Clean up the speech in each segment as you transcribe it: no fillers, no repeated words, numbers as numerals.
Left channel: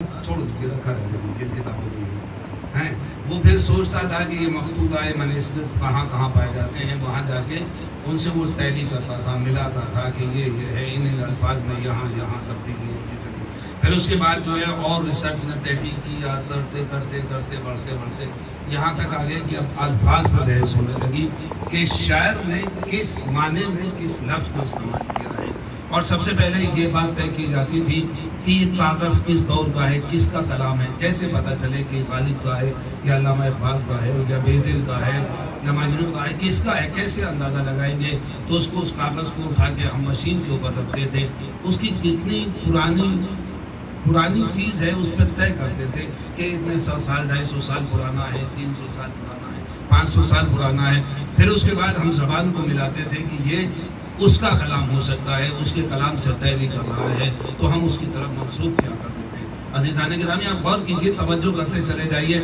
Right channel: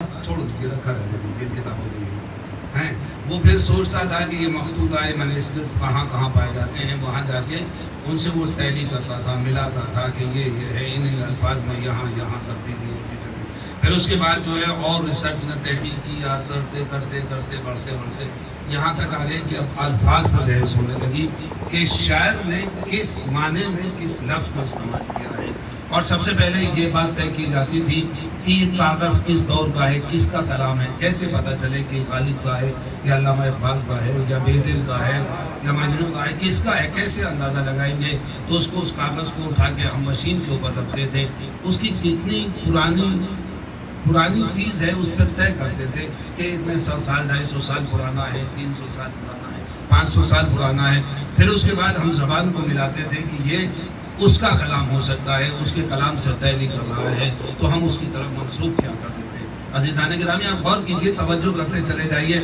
چھوڑ دیجیے، رکھا رہنے دیجیے، کتابیں نہیں ہیں۔ وہ پھر سوچتا تھا کہ یہ مخطوطہ مینuscripts کہاں کہاں پائے جاتے ہیں، وہاں جا کے ان سے وہ تحریک کرتا تھا، ملاتا تھا کہ یہ ہے، ان الفاظ میں یہاں یہاں تبدیلی ہوتی چلی۔ پھر اس کے بعد جو ہے اور ریسرچ نے تحقیق کی، یاد کرتے کرتے کرتے بڑھتے بڑھتے یہاں تک آ گئے کہ اب الفاظ پر بحث ہونے لگی کہ شاعر نے کس معنی میں کس لفظ کو استعمال کیا ہے۔ اور سب سے پہلے یہ بات طے کی جاتی تھی کہ یہ کاغذ کس دور کا ہے، کس کا کلام ہے، کیسے پتہ چلے کہ غالب کا ہے یا علامہ اقبال کا ہے یا بیدل کا ہے یا مجنون کا ہے، کس کا ہے، کیسے اندازہ لگائیں گے؟ تو اس کو، اس کاغذ کو اٹھا کے ہم مشین کے اوپر رکھتے تھے، اس کی کتنی پرانی چیز ہے اس پہ طے کرتے تھے کہ اتنے 100 سال 250 سال پرانا ہے، 300 سال پرانا ہے، 500 سال پرانا ہے۔ پھر اس کے بعد ہم زبان کو ملاتے تھے کہ یہ اس کا کلام ہو سکتا ہے، اس کے کلام سے تحری کر رہا ہے، تو ہم اس کی طرف منسوب کیا کرتے تھے۔ عزیزان گرامی، آپ غور کیجئے، توجہ کرتے چلے جائیے۔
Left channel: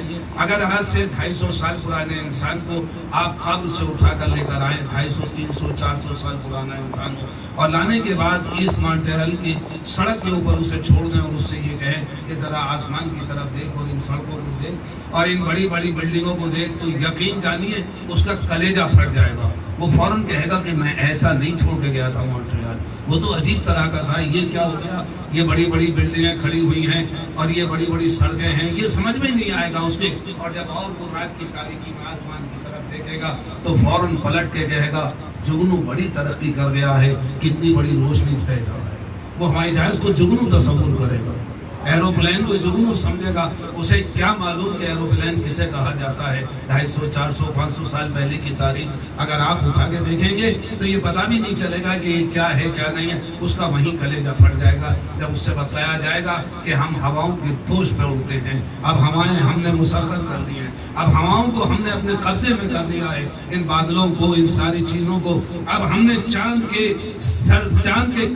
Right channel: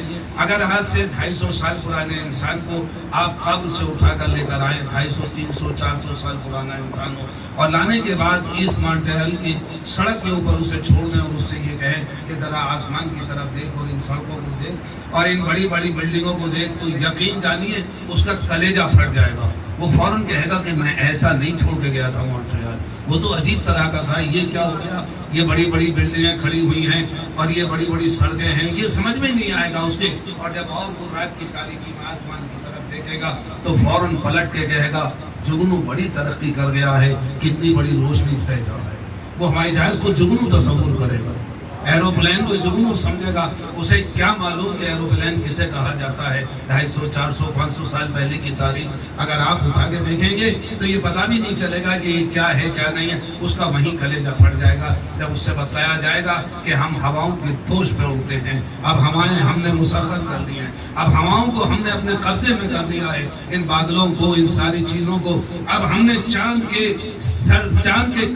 اگر آج سے 250 سال پرانے انسان کو آپ قبر سے اٹھا کر لے کر آئے، 250 300 400 سال پرانا انسان ہو، اور لانے کے بعد اس مانٹہل کی سڑک کے اوپر اسے چھوڑ دیں اور اس سے یہ کہیں کہ ذرا آسمان کی طرف دیکھ اور ان سڑکوں کو دیکھ اور ان بڑی بڑی بلڈنگوں کو دیکھ، تو یقین جانیے اس کا کلیجہ پھٹ جائے گا۔ وہ فوراً کہے گا کہ میں ایسا نہیں چھوڑ کے گیا تھا مونٹریال، وہ تو عجیب طرح کا تھا، یہ کیا ہو گیا؟ یہ بڑی بڑی بلڈنگیں کھڑی ہوئی ہیں اور یہ بڑی بڑی سڑکیں ہیں، یہ سمجھ میں نہیں آئے گا اس کے۔ اور جب اور وہ رات کی تاریکی میں آسمان کی طرف دیکھے گا تو فوراً پلٹ کے کہے گا جگنو بڑی ترقی کر گیا ہے، کتنی بڑی روشنی پیدا ہے۔ وہ ہوائی جہاز کو جگنو تصور کرے گا، ایروپلین کو جگنو سمجھے گا۔ اسے کیا معلوم کہ ایروپلین کسے کہا جاتا ہے؟ 250 400 500 سال پہلے کی تاریخ اگر آپ اٹھا کے دیکھیں گے تو یہ پتہ بھی نہیں چلے گا کہ یہ کیا ہے کیا نہیں ہے۔ اس کا وہیں کلیجہ پھٹ جائے گا جب اس سے بتایا جائے گا کہ ہم ہواؤں کی دوش پہ اڑتے ہیں، اب ہوائیں ہم نے مسخر کر دی ہیں، اب ہواؤں کو ہم نے اپنے قبضے میں کر لیا ہے، ان بادلوں کو، ان ساری چیزوں کو۔ اب ہم نے چاند کے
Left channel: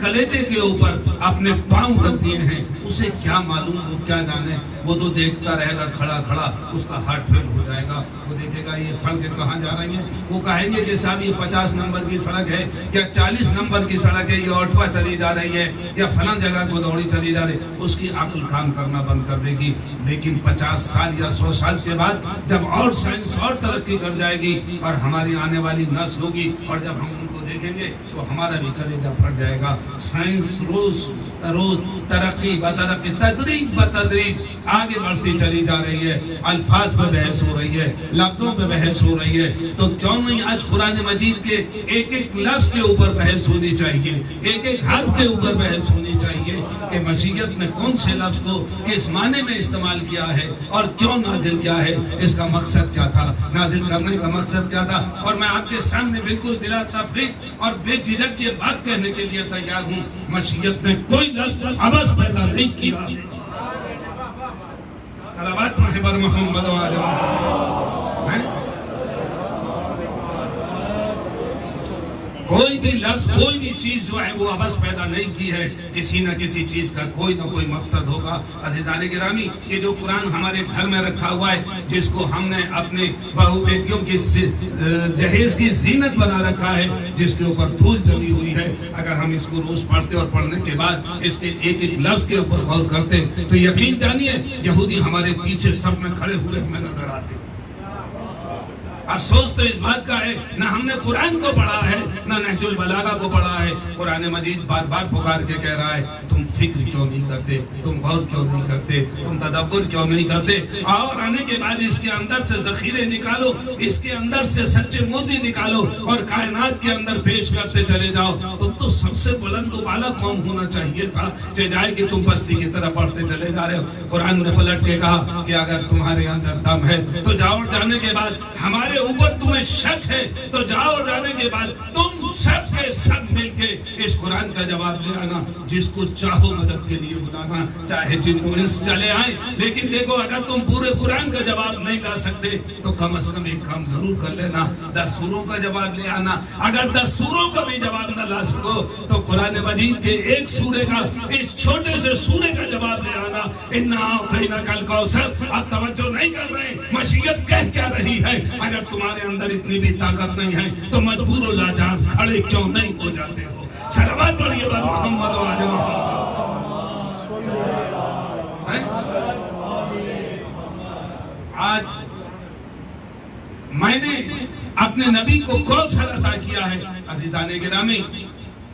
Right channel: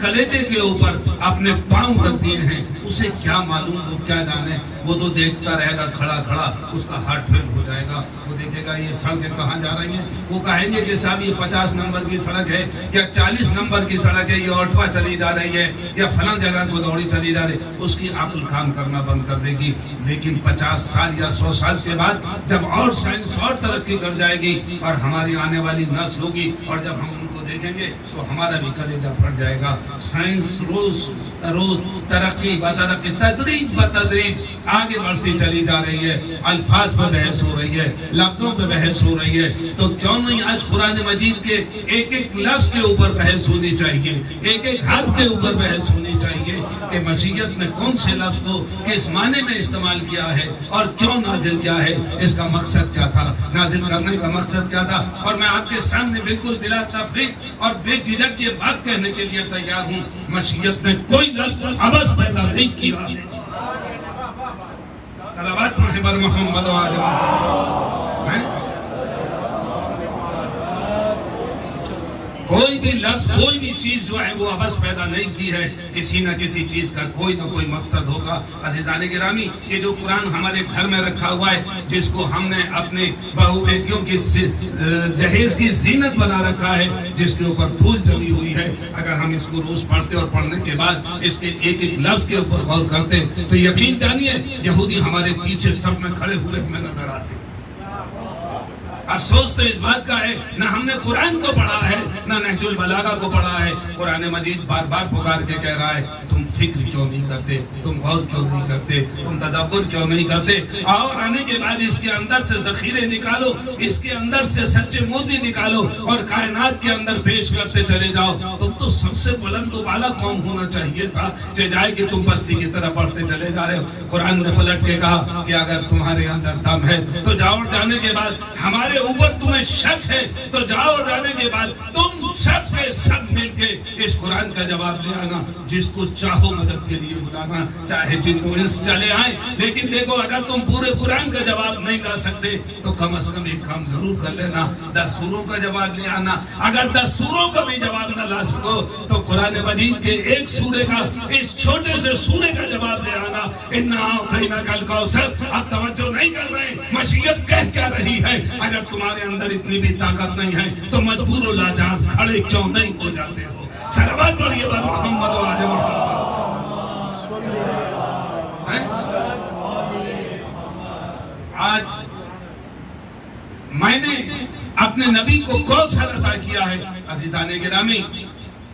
کلیجے کے اوپر اپنے پاؤں رکھ دیے ہیں۔ اسے کیا معلوم، وہ کیا جانے؟ وہ تو دیکھتا رہے گا کھڑا کھڑا، اس کا ہارٹ فیل ہو جائے گا۔ وہ دیکھے گا یہ سڑکیں کہاں جا رہی ہیں، وہ کہیں گے کہ صاحب یہ 50 نمبر کی سڑک ہے یا 40 نمبر کی سڑک ہے، یہ آٹھواں چلی جا رہی ہے یا فلاں جگہ کو دوڑی چلی جا رہی ہے۔ اس کی عقل کام کرنا بند کر دے گی۔ لیکن 50 سال یا 100 سال کے بعد جب اور سائنس اور ترقی کر جائے گی اور ہماری آنے والی نسل ہوگی اور جب ہم ان کو دیکھیں گے تو ہمارا بھی کلیجہ پھٹ جائے گا۔ سائنس روز ترقی بترقی، تدریج بتدریج آگے بڑھتی چلی جا رہی ہے۔ الفاظ پہ بحث ہو رہی ہے، لفظوں پہ بحث ہو رہی ہے، تو کیوں نہیں آج قرآن مجید کے ایک ایک لفظ کے اوپر بحث ہونی چاہیے، ایک ایک حرف کے اوپر بحث ہونی چاہیے کہ مشیت نے کون سے لفظ کو کس معنی میں استعمال کیا ہے اور کیوں نازل کیا ہے، اس کا مقصد کیا تھا، نازل کرنے کا مقصد کیا تھا۔ اور میں آپ کے سامنے بالکل بلا تفریق اور بے جھجک یہ بات کہنے کے لیے تیار ہوں، مشیت نے کوئی لفظ عبث پیدا نہیں کیا ہے۔ صلوات پڑھیں بر محمد و آل محمد۔ کوئی بھی لفظ، کوئی بھی چیز جو ہے وہ عبث پیدا نہیں کی ہے، کسی نہ کسی چیز کا کوئی نہ کوئی مقصد ہوگا۔ عزیزان گرامی، یہ جو قرآن ہمارے گھر میں رکھا ہوا ہے، جس کو ہم نے اپنے بہو بیٹیوں کی جہیز کی زینت بنا رکھا ہے، جس کے اوپر دھول جمی ہوئی ہے، اگر ہم اس کو روز پڑھتے اور پڑھنے کے بعد اس کے ایک ایک لفظ کے اوپر غور کرتے تو یقین جانیے یہودی ہمارے پیچھے سب میں کھڑے ہوئے ہمیں نظر آتے۔ افسوس تو اس بات کا ہے نہ ہم نے قرآن کو پڑھا ہے نہ نہج البلاغہ کو پڑھا ہے۔ قرآن مجید بار بار پکار کے کہہ رہا ہے تم فکر کیوں نہیں کرتے، تم غور کیوں نہیں کرتے، تم تدبر کیوں نہیں کرتے؟ اور آنے کے بعد اس کے اندر سے ذخیرے نکالو، اس کے اندر سے سچے موتی نکالو اور کائنات کے اندر پیش کرتے چلے جاؤ۔ تم تو سب سے بلند و بالا قوم ہونا چاہیے تھا، جائے کہ تم بستی کی طرح بڑھتے چلے جا رہے ہو۔ قرآن نے پلٹ کے کہا کہ اگر تمہارے اندر دم ہے تو جاؤ، جانے کے بعد ہمارے اوپر تمہیں شک ہے تو جاؤ، جانے کے بعد تم سب کے سب مل کے اس قرآن کا جواب لے آنا، جس کو چاہو مدد کے لیے بلانا، چاہے جن و انس چلے آئیں۔ لیکن دیکھو اگر تم پورے قرآن کا جواب نہیں لا سکتے تو کم از کم ایک کام ضرور کر لینا، 10 سوروں کا جواب لے آنا۔ اگر 10 سوروں کا بھی جواب نہ لا سکو تو قرآن مجید کے ایک سورے کا، اس چھوٹے سے سورے کا جواب لے آنا۔ اِنَّا أَعْطَيْنَاكَ الْكَوْثَرَ۔ آپ توجہ نہیں کر رہے، مشیت کہہ کیا رہی ہے؟ اگر تمہارے اندر اتنی بھی طاقت نہیں ہے تو مجبور و لاچار کھڑے کیوں نہیں ہو جاتے ہو؟ صلوات پڑھیے بر محمد و آل محمد۔ آج میں نے اپنے نبی کو کوثر عطا کیا ہے۔ عزیزان گرامی،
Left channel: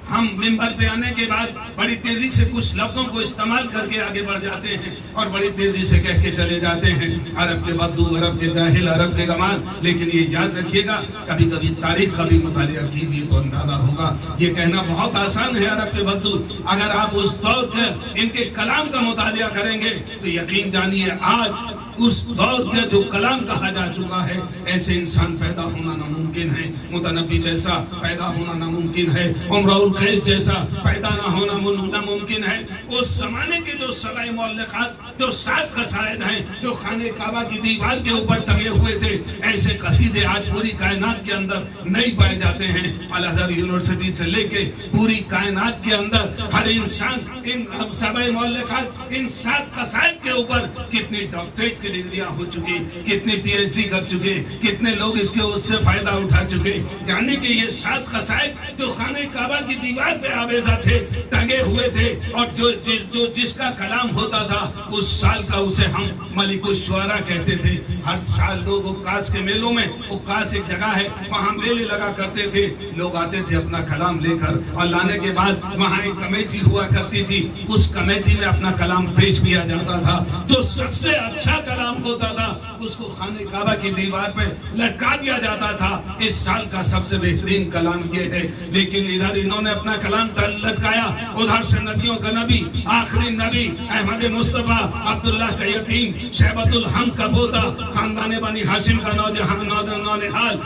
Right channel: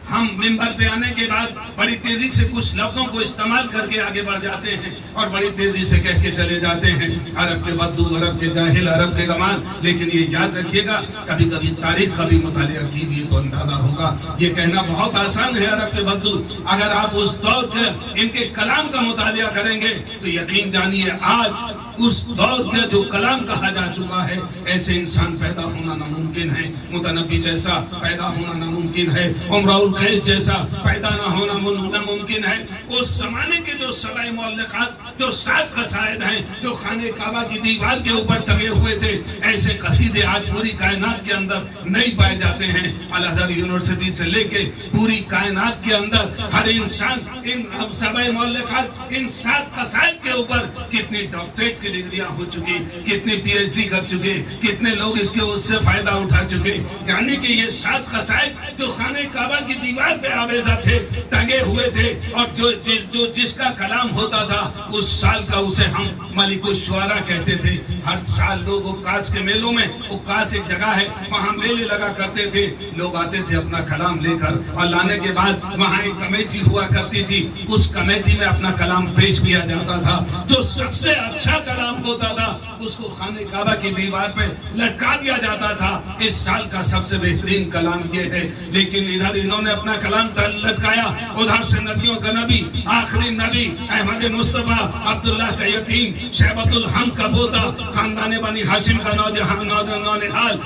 ہم منبر پہ آنے کے بعد بڑی تیزی سے کچھ لفظوں کو استعمال کر کے آگے بڑھ جاتے ہیں اور بڑی تیزی سے کہہ کے چلے جاتے ہیں، عرب کے بدو، عرب کے جاہل، عرب کے گمال۔ لیکن یہ یاد رکھیے گا، کبھی کبھی تاریخ کا بھی مطالعہ کیجیے تو اندازہ ہوگا۔ یہ کہنا بہت آسان ہے عرب کے بدو، اگر آپ اس دور کے ان کے کلام کا مطالعہ کریں گے تو یقین جانیے آج اس دور کے جو کلام کہا جا چکا ہے، ایسے انسان پیدا ہونا ناممکن ہے۔ متنبی جیسا پیدا ہونا ناممکن ہے، امراء القیس جیسا پیدا نہ ہونا ناممکن ہے۔ اس زمانے کے جو سبع معلقات، جو 7 قصائد ہیں، جو خانہ کعبہ کی دیوار کے اوپر ٹنگے ہوئے تھے، ایسے قصیدے آج پوری کائنات کے اندر نہیں پائے جاتے ہیں۔ الازہر یونیورسٹی سے لے کے پوری کائنات کے اندر ہر انسان ان سبع معلقات، ان 7 قصائد کے اوپر کتنی ڈاکٹریٹ کی ڈگریاں ہو چکی، کتنی پی ایچ ڈی کر چکے، کتنے لوگ اس سے فائدہ اٹھا چکے۔ یعنی کہ یہ 7 قصائد جو خانہ کعبہ کی دیوار پہ آویزہ تھے، ٹنگے ہوئے تھے، اور جو جس کا کلام ہوتا تھا اس سال کا اسے ہم ملک الشعراء کہتے تھے۔ ہر سال لوگ عکاس کے میلوں میں، عکاس ایک جگہ ہے وہاں میلے لگا کرتے تھے، لوگ آتے تھے اپنا کلام لے کر، اور لانے کے بعد وہاں ایک کمیٹی ہوا کرتی تھی، اس کمیٹی میں اپنا کلام پیش کیا جاتا تھا۔ جو سب سے اچھا کلام ہوتا تھا اس کو خانہ کعبہ کی دیوار پہ لٹکا دیا جاتا تھا، اس سال کا سب سے بہترین کلام یہ ہے۔ لیکن ادھر انہوں نے اپنا کلام لٹکایا، ادھر سے نبیوں کا نبی، آخری نبی احمد مصطفیٰ، عبداللہ کا یتیم، شیبۃ الحمد کا پوتا، خاندان بنی ہاشم کا نونہال،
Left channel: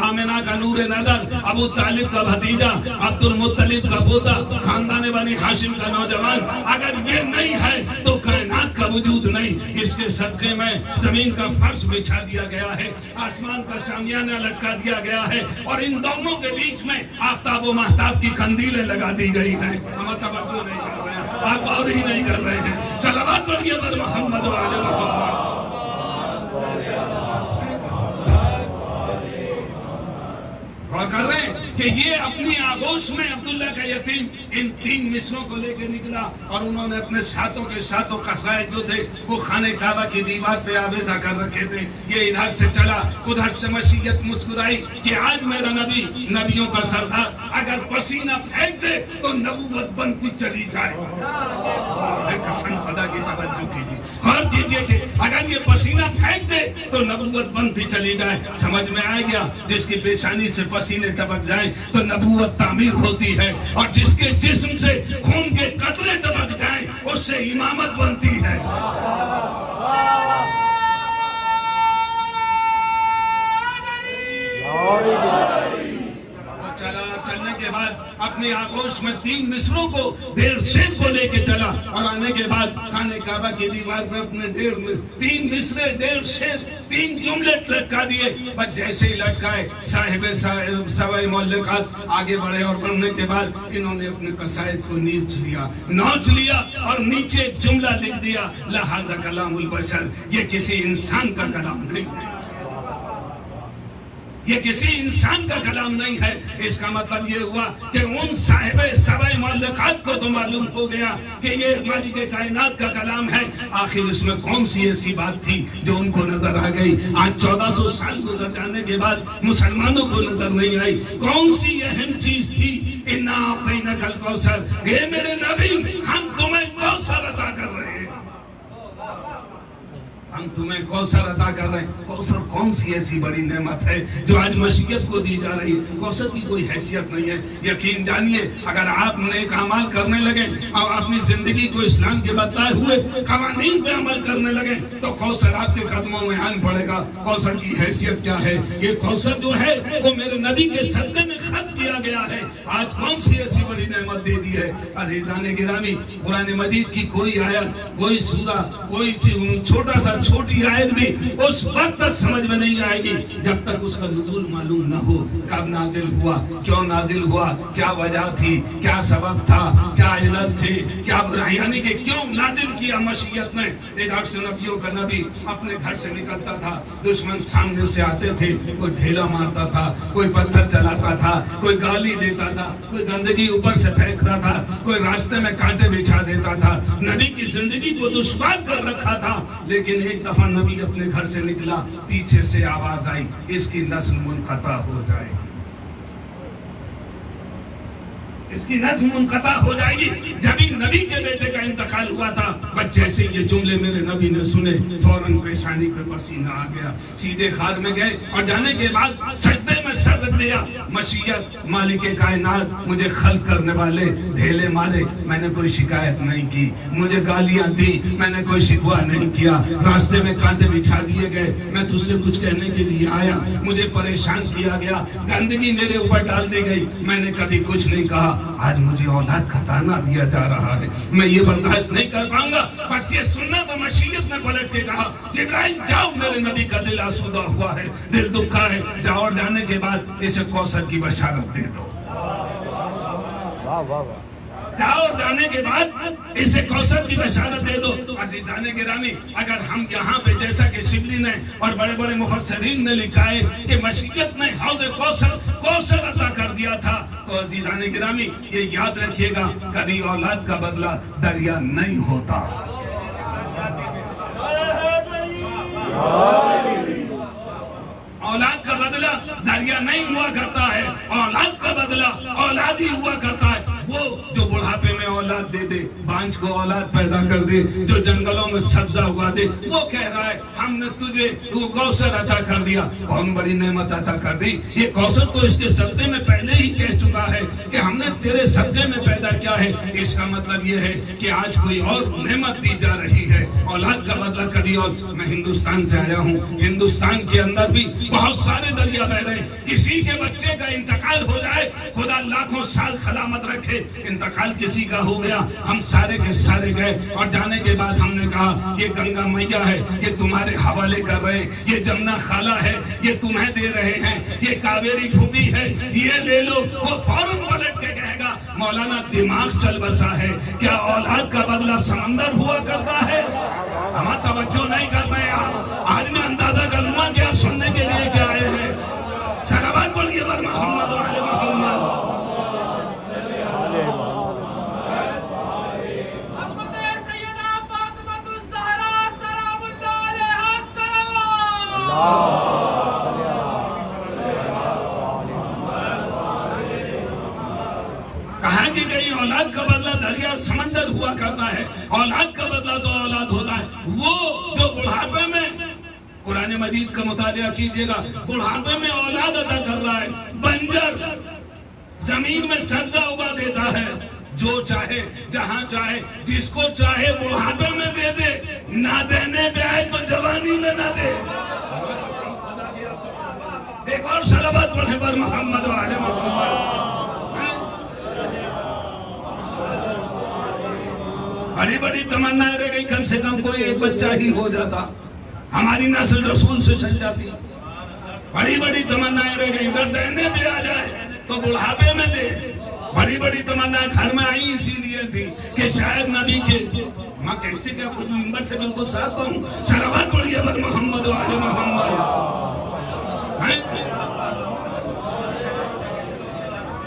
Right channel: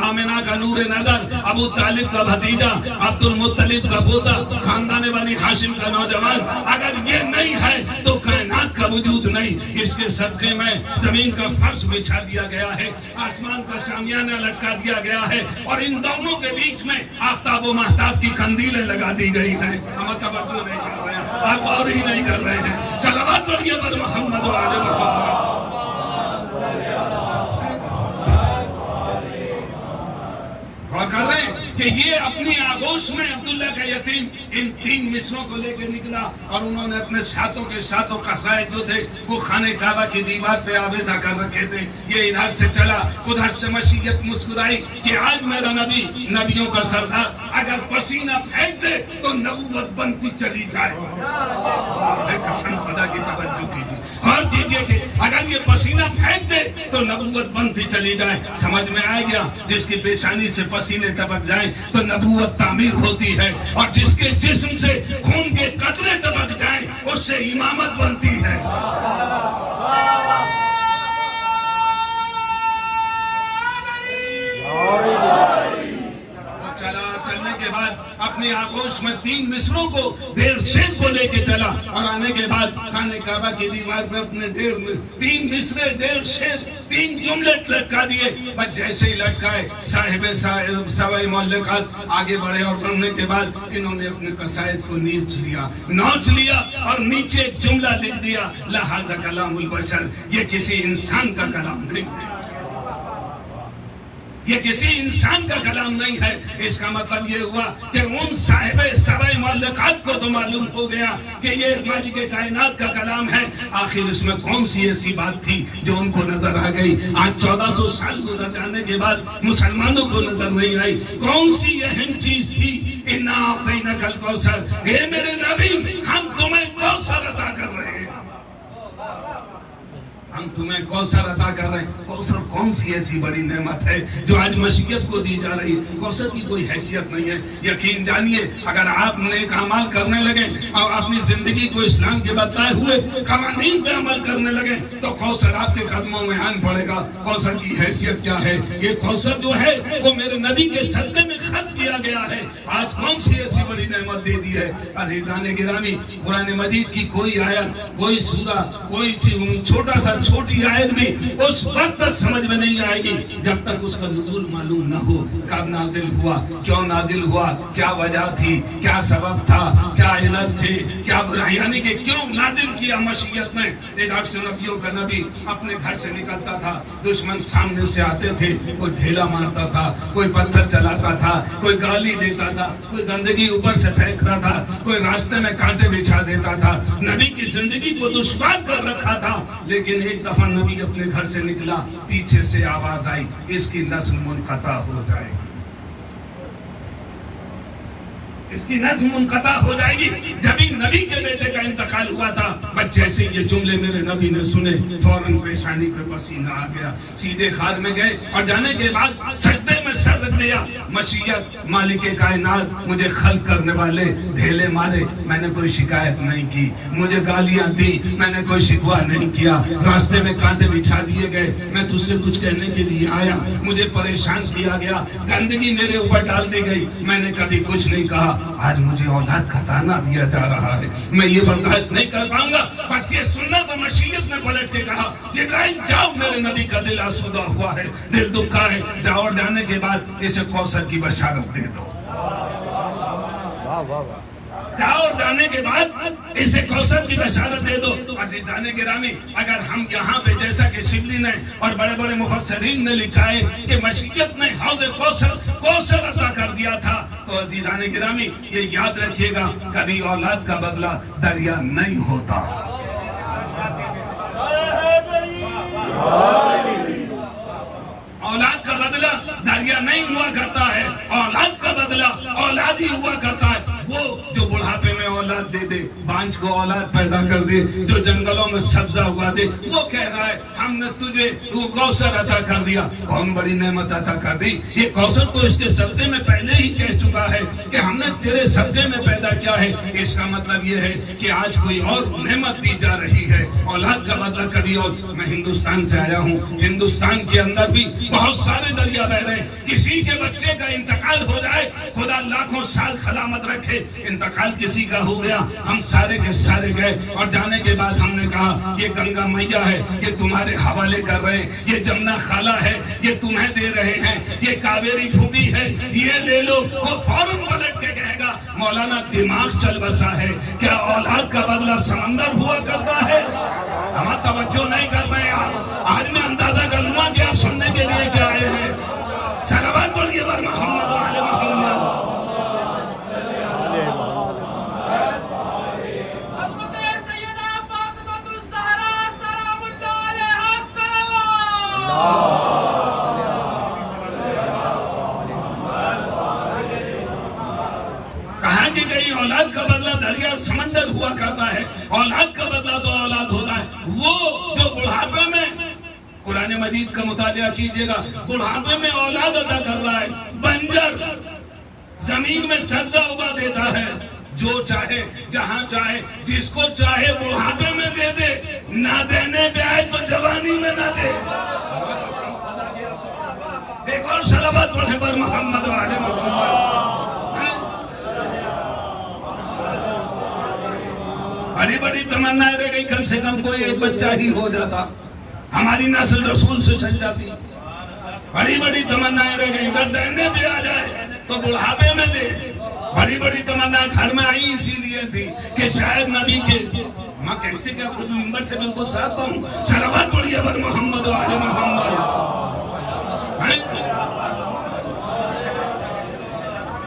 آمنہ کا نور نظر، ابو طالب کا بھتیجا، عبد المطلب کا پوتا، خاندان بنی ہاشم کا نوجوان۔ اگر یہ نہیں ہے تو کائنات کا وجود نہیں۔ اس کے صدقے میں زمین کا فرش بچھا دیا گیا ہے، آسمان کا شامیانہ لٹکا دیا گیا ہے، اور ان دونوں کے بیچ میں آفتاب و مہتاب کی قندیلیں لگا دی گئی ہیں۔ ہم توجہ نہیں کر رہے ہیں، آپ اور ہی نہیں کر رہے ہیں۔ صلوات پڑھیے بر محمد و آل محمد۔ کر رہے ہیں کہ یہ اپنی آغوش میں عبداللہ کا یتیم ان 3 مصروں کو لے کے نکلا، اور انہوں نے اپنے ساتوں کے ساتوں قصائد جو تھے وہ خانہ کعبہ کی دیوار پہ آویزہ کر رکھے تھے۔ یہ ادھر سے چلا، ادھر سے مشیت مسکرائی کہ آج میرا نبی، نبیوں کا سردار، اگر پسینہ پھینک دے تو نبوت بنتی چلی جائے۔ قسم خدا کی توجہ کیجیے، غور کیجیے کہ اگر یہ پسینہ پھینک دے تو نبوت بنتی چلی جائے۔ سمجھ میں آ گیا؟ جس کی پیشانی سے پسینے ٹپک جائیں تو نبوت تعمیر ہوتی ہے، اور جس کے جسم سے خون کے قطرے ٹپک جائیں اس سے امامت بنتی ہے۔ چلنے کے بعد اپنے آغوش میں 3 مصروں کو، ڈیر شیر کو لے کے چلا، اور آنے کے بعد خانہ کعبہ کی دیوار پہ اپنے ڈیر میں 3 مصرے، ڈیر شیر، 3 جملے لٹکا دیے۔ بس جیسے ہی لٹکائے صاحب سبع معلقات آگے بڑھے، اور بڑھنے کے بعد انہوں نے اپنے قصائد کو نوچ لیا اور نیچے ایک جملہ لکھ دیا، لہذا کلام البشر، یہ کسی انسان کا کلام نہیں ہے، یہ کسی انسان کا کلام نہیں ہے۔ اس کا مطلب یہ ہوا کہ ان صاحب سبع معلقات کو تو معلوم ہو گیا کہ یہ مالک کائنات کا کلام ہے۔ آخر اس میں کون سی ایسی بات تھی جو ان کو نظر آ گئی؟ آج 1400 سال گزر جانے کے بعد مسلمانوں کو نظر نہیں آئی۔ کون سی اہم چیز تھی؟ انا اعطیناک الکوثر، اے میرے نبی ہم تمہیں کوثر عطا کر رہے ہیں، ہم تمہیں کوثر عطا کر رہے ہیں۔ کوثر کون سی ایسی بڑی نعمت ہے جو آج مشیت کو دی جا رہی ہے؟ کوثر کی کوئی حیثیت نہیں ہے۔ یقین جانیے اگر آپ نیک اعمال کرنے لگے اور اپنی زندگی کو اسلام کے بتائے ہوئے قوانین پہ عمل کرنے لگے تو کوثر آپ کے قدموں میں آن پڑے گا۔ کوثر کی حیثیت کیا ہے؟ یہ کوثر جو ہے وہ میرے نبی کے صدقے میں خط کیا گیا ہے۔ آج کون سی ایسی بڑی نعمت دے دی ہے؟ عزیزان گرامی، قرآن مجید کی کوئی آیت، کوئی سورہ، کوئی چھوٹا سا چھوٹی آیت بھی اس وقت تک سمجھ میں نہیں آئے گی جب تک اس کا نزول معلوم نہ ہو، کب نازل ہوا، کیوں نازل ہوا، کیا وجہ تھی، کیا سبب تھا، کیا علت تھی، کیا یعنی کہ کیوں نازل کیا مشیت میں۔ ادھر سے نبیوں کا نبی اپنے گھر سے نکلتا تھا، دشمن سامنے سے آتے تھے، کوئی ڈھیلا مارتا تھا، کوئی پتھر چلاتا تھا، کوئی گالی دیتا تھا، کوئی گندگی اوپر سے پھینکتا تھا، کوئی راستے میں کانٹے بچھا دیتا تھا، نبی کی زندگی کو دشوار کر رکھا تھا۔ لیکن ایک دفعہ نبی اپنے گھر سے نکلا، پیچھے سے آواز آئی، اس کی نسل منقطع ہو جائے گی، اس کی نسل منقطع ہو جائے گی۔ جب ہی نبی کے بیٹے کا انتقال ہوا تھا، بس جیسے یہ جملے میرے نبی نے سنے، فوراً پیشانی پہ پسینہ آ گیا، سیدھے خان میں گئے اور جانے کے بعد سجدے میں سر رکھ دیا۔ مشیت مالک کائنات، مجھے خلق کرنے والے ڈھیلے مارے، میں نے کوئی شکایت نہیں کی، مجھے گالیاں دی، میں نے کوئی شکوہ نہیں کیا، راستے میں کانٹے بچھا دیے گئے، میں تجھ سے کچھ کہنے کے لیے آیا، مجھے پریشان کیا گیا، گندگی میرے اوپر ڈال دی گئی، میں نے کبھی کچھ نہیں کہا۔ آج مجھے اولاد کا تانا دیا جا رہا ہے، میں یہ برداشت نہیں کر پاؤں گا۔ بس یہ سننا تو مشیت نے پلٹ کے کہا، جبرائیل جاؤ، میرے نبی کا دل آسودہ ہوا ہے، دل دکھا ہے، جاؤ، اور جانے کے بعد اسے کوثر کی بشارت دے دو۔ جاؤ اور جانے کے بعد اسے کوثر کی بشارت دے دو۔ عزیزان گرامی، اگر ہم یہاں پہ جیسا کہ شبلی نے اور بڑے بڑے مفسرین نے لکھا ہے کہ مشیت نے حوض کوثر عطا کر دیا تھا، تو عزیزان گرامی یہ یاد رکھیے گا، کبھی اولاد کا بدلہ دریا نہیں ہوتا۔ اولاد کا بدلہ دریا نہیں ہوا کرتا ہے، اولاد کا بدلہ اولاد ہی ہوا کرتا ہے۔ وہ جو بڑھاپے میں اولاد دے دے، بانجھ کو اولاد پیدا کر دے، جو جنگلوں میں سبزہ اگا دے، وہ کہہ رہا ہے ہم نے تجھے وہ کوثر عطا کر دیا۔ کون بڑی نعمت عطا کر دی؟ یہ کوثر تو اس کے سبزے میں پہلے ہی کہہ چکا ہے کہ ہم نے تیرے سبزے میں پیدا کیا ہے۔ اس کا مطلب یہ ہے کہ آج کوئی اور نعمت دی جا رہی ہے، اولاد کا بدلہ کبھی اور۔ میں ہندوستان سے آیا ہوں، ہندوستان کے اندر بھی بہت سارے دریا بہ رہے ہیں، کسی کے بچے کا انتقال ہو جائے، خدا لاکھوں سال سلامت رکھے، انتقال کسی کا ہو گیا، ہم سارے کے سارے گئے، اور جانے کے بعد ہم نے کہا یہ گنگا میاں ہے، یہ تمہارے حوالے کر رہے ہیں، یہ جمنا خالہ ہے، یہ تمہیں دے رہے ہیں، یہ کاویری پھوپھی ہے، یہ لے لو۔ وہ فوراً پلٹ کے کہے گا مولانا دماغ چل بسا ہے، کیا اولاد کا بدلہ سمندر ہوا کرتا ہے؟ ہم توجہ نہیں کر رہے ہیں۔ آج میں اندازہ کروں گا کہ آپ سننے کے لیے کیا آئے ہیں۔ صلوات پڑھیے بر محمد وعلی محمد۔ کہا کہ گئی اولاد کا بدلہ دریا اور سمندر ہوا کرتا ہے، اولاد کا بدلہ تو اولاد ہوتا ہے۔ وہ جو بڑھاپے میں، قرآن مجید کا مطالعہ کیجئے گا، بڑھاپے میں اولاد عطا کر رہا ہے، بنجر زمین میں سبزہ اگا دیتا ہے، جو چاہے جہاں چاہے جس کو چاہے بڑھاپے میں دے دے، نہ دینے پہ آئے تو جوانی میں نہ دے۔ ایک اور صلوات پڑھیں پر محمد وعلی محمد۔ بڑی بڑی تمنا رہ گئی، کم سے کم کوئی ایک بچہ ہی ہو جاتا، ہماری نسل رسول سے چل جاتی۔ بڑی بڑی تمنا رہ گئی، اگر دینے پہ آ جائے تو بڑھاپے میں دے۔ بڑی بڑی تمنا گھر میں آئی اسی لیے تھی کہ شاید نبی کے ماں کیسے کیا کچھ نمبر سے بالکل صاف کہوں، صلوات پڑھیے بر محمد وعلی محمد۔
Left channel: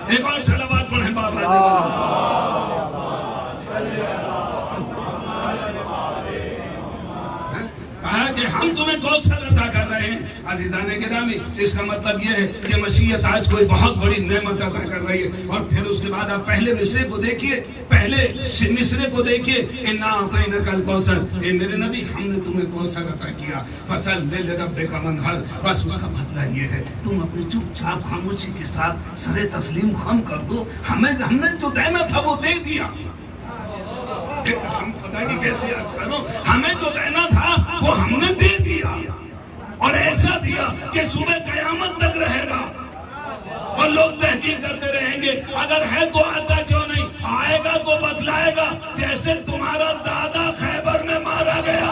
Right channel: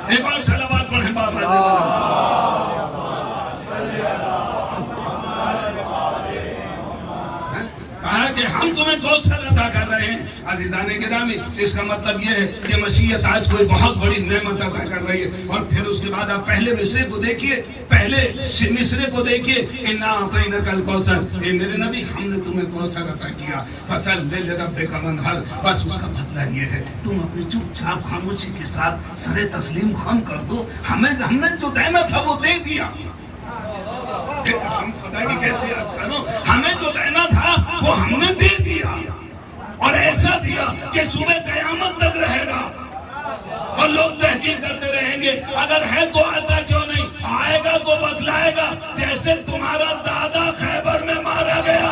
ایک اور صلوات پڑھیں بابا جی۔ کہا کہ ہم تمہیں کوثر عطا کر رہے ہیں۔ عزیزان گرامی، اس کا مطلب یہ ہے کہ مشیت آج کوئی بہت بڑی نعمت عطا کر رہی ہے۔ اور پھر اس کے بعد آپ پہلے مصرے کو دیکھیے، پہلے مصرے کو دیکھیے، اِنَّا أَعْطَيْنَاكَ الْكَوْثَرَ، اے میرے نبی ہم نے تمہیں کوثر عطا کیا، فَصَلِّ لِرَبِّكَ وَانْحَرْ۔ بس اس کا بدلہ یہ ہے تم اپنی چپ چاپ خاموشی کے ساتھ سر تسلیم خم کر دو، ہم نے جو دینا تھا وہ دے دیا۔ قسم خدا کی کیسے عرض کروں، ہمیں جو دینا تھا وہ ہم نے دے دیا، اور ایسا دیا کہ صبح قیامت تک رہے گا، اور لوگ تحقیق کرتے رہیں گے اگر ہے تو آتا کیوں نہیں، آئے گا تو بتلائے گا، جیسے تمہارا دادا خیبر میں مارا گیا۔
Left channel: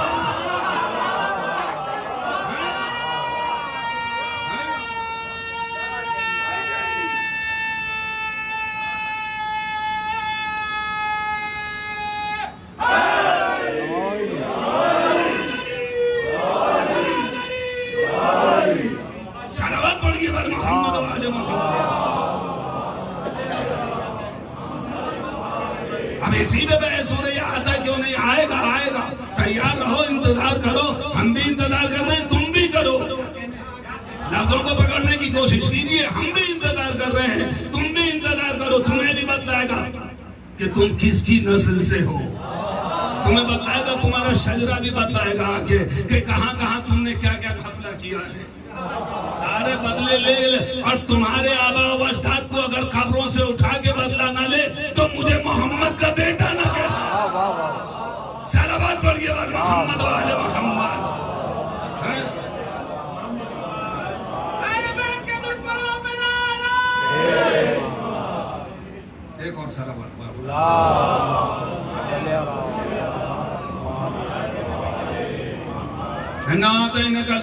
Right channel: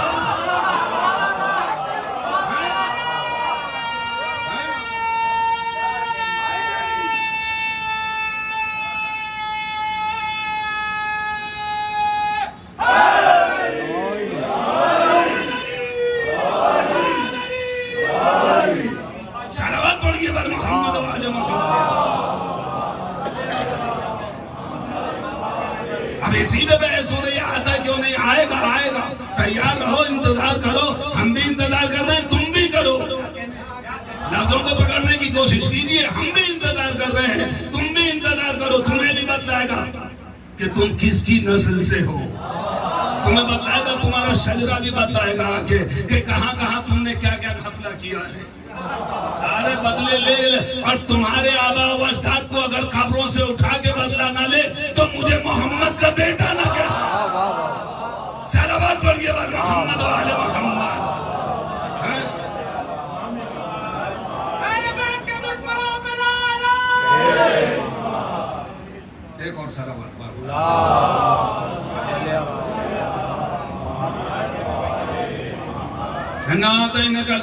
اب اسی میں بحث ہو رہی ہے، آتا کیوں نہیں، آئے گا تیار رہو انتظار کر رہے ہیں تم بھی کرو. لفظوں کو پکڑنے کی کوشش کیجیے. ہم بھی انتظار کر رہے ہیں, تم بھی انتظار کرو. تمہیں بھی بتلائے گا کہ تم کس کی نسل سے ہو. تمہیں بتلائے گا, تمہارا شجرہ بھی بتلائے گا کہ کہاں کہاں تم نے کیا کیا گھپلا کیا ہے. سارے بدلے لے لے, اور تمہارے آبا و اجداد کو اگر قبروں سے اٹھا کے بدلہ نہ لے تو مجھے محمد کا بیٹا نہ کہنا. صلوات پڑھیے بر محمد و آل محمد. ایک اور صلوات بابو.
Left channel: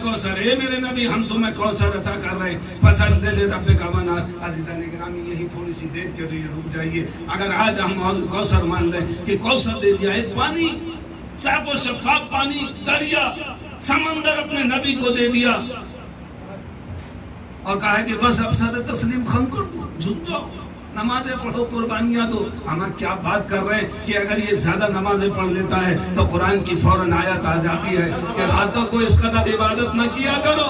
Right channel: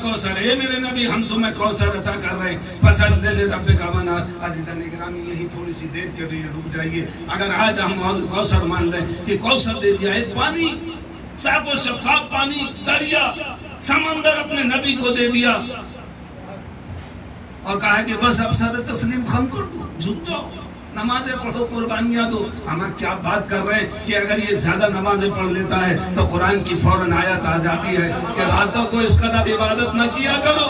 کوثر, اے میرے نبی ہم تمہیں کوثر عطا کر رہے ہیں. فصل ربک وانحر. عزیزان گرامی یہی تھوڑی سی دیر کے لیے رک جائیے. اگر آج ہم کوثر مان لیں کہ کوثر دے دیا, ایک پانی صاف و شفاف پانی, دریا سمندر اپنے نبی کو دے دیا اور کہا کہ بس اب سر تسلیم خم کر دو, جھک جاؤ, نمازیں پڑھو, قربانیاں دو. ہم کیا بات کر رہے ہیں کہ اگر یہ زیادہ نمازیں پڑھ لیتا ہے تو قرآن کی فوراً آیت آ جاتی ہے کہ راتوں کو اس قدر عبادت نہ کیا کرو,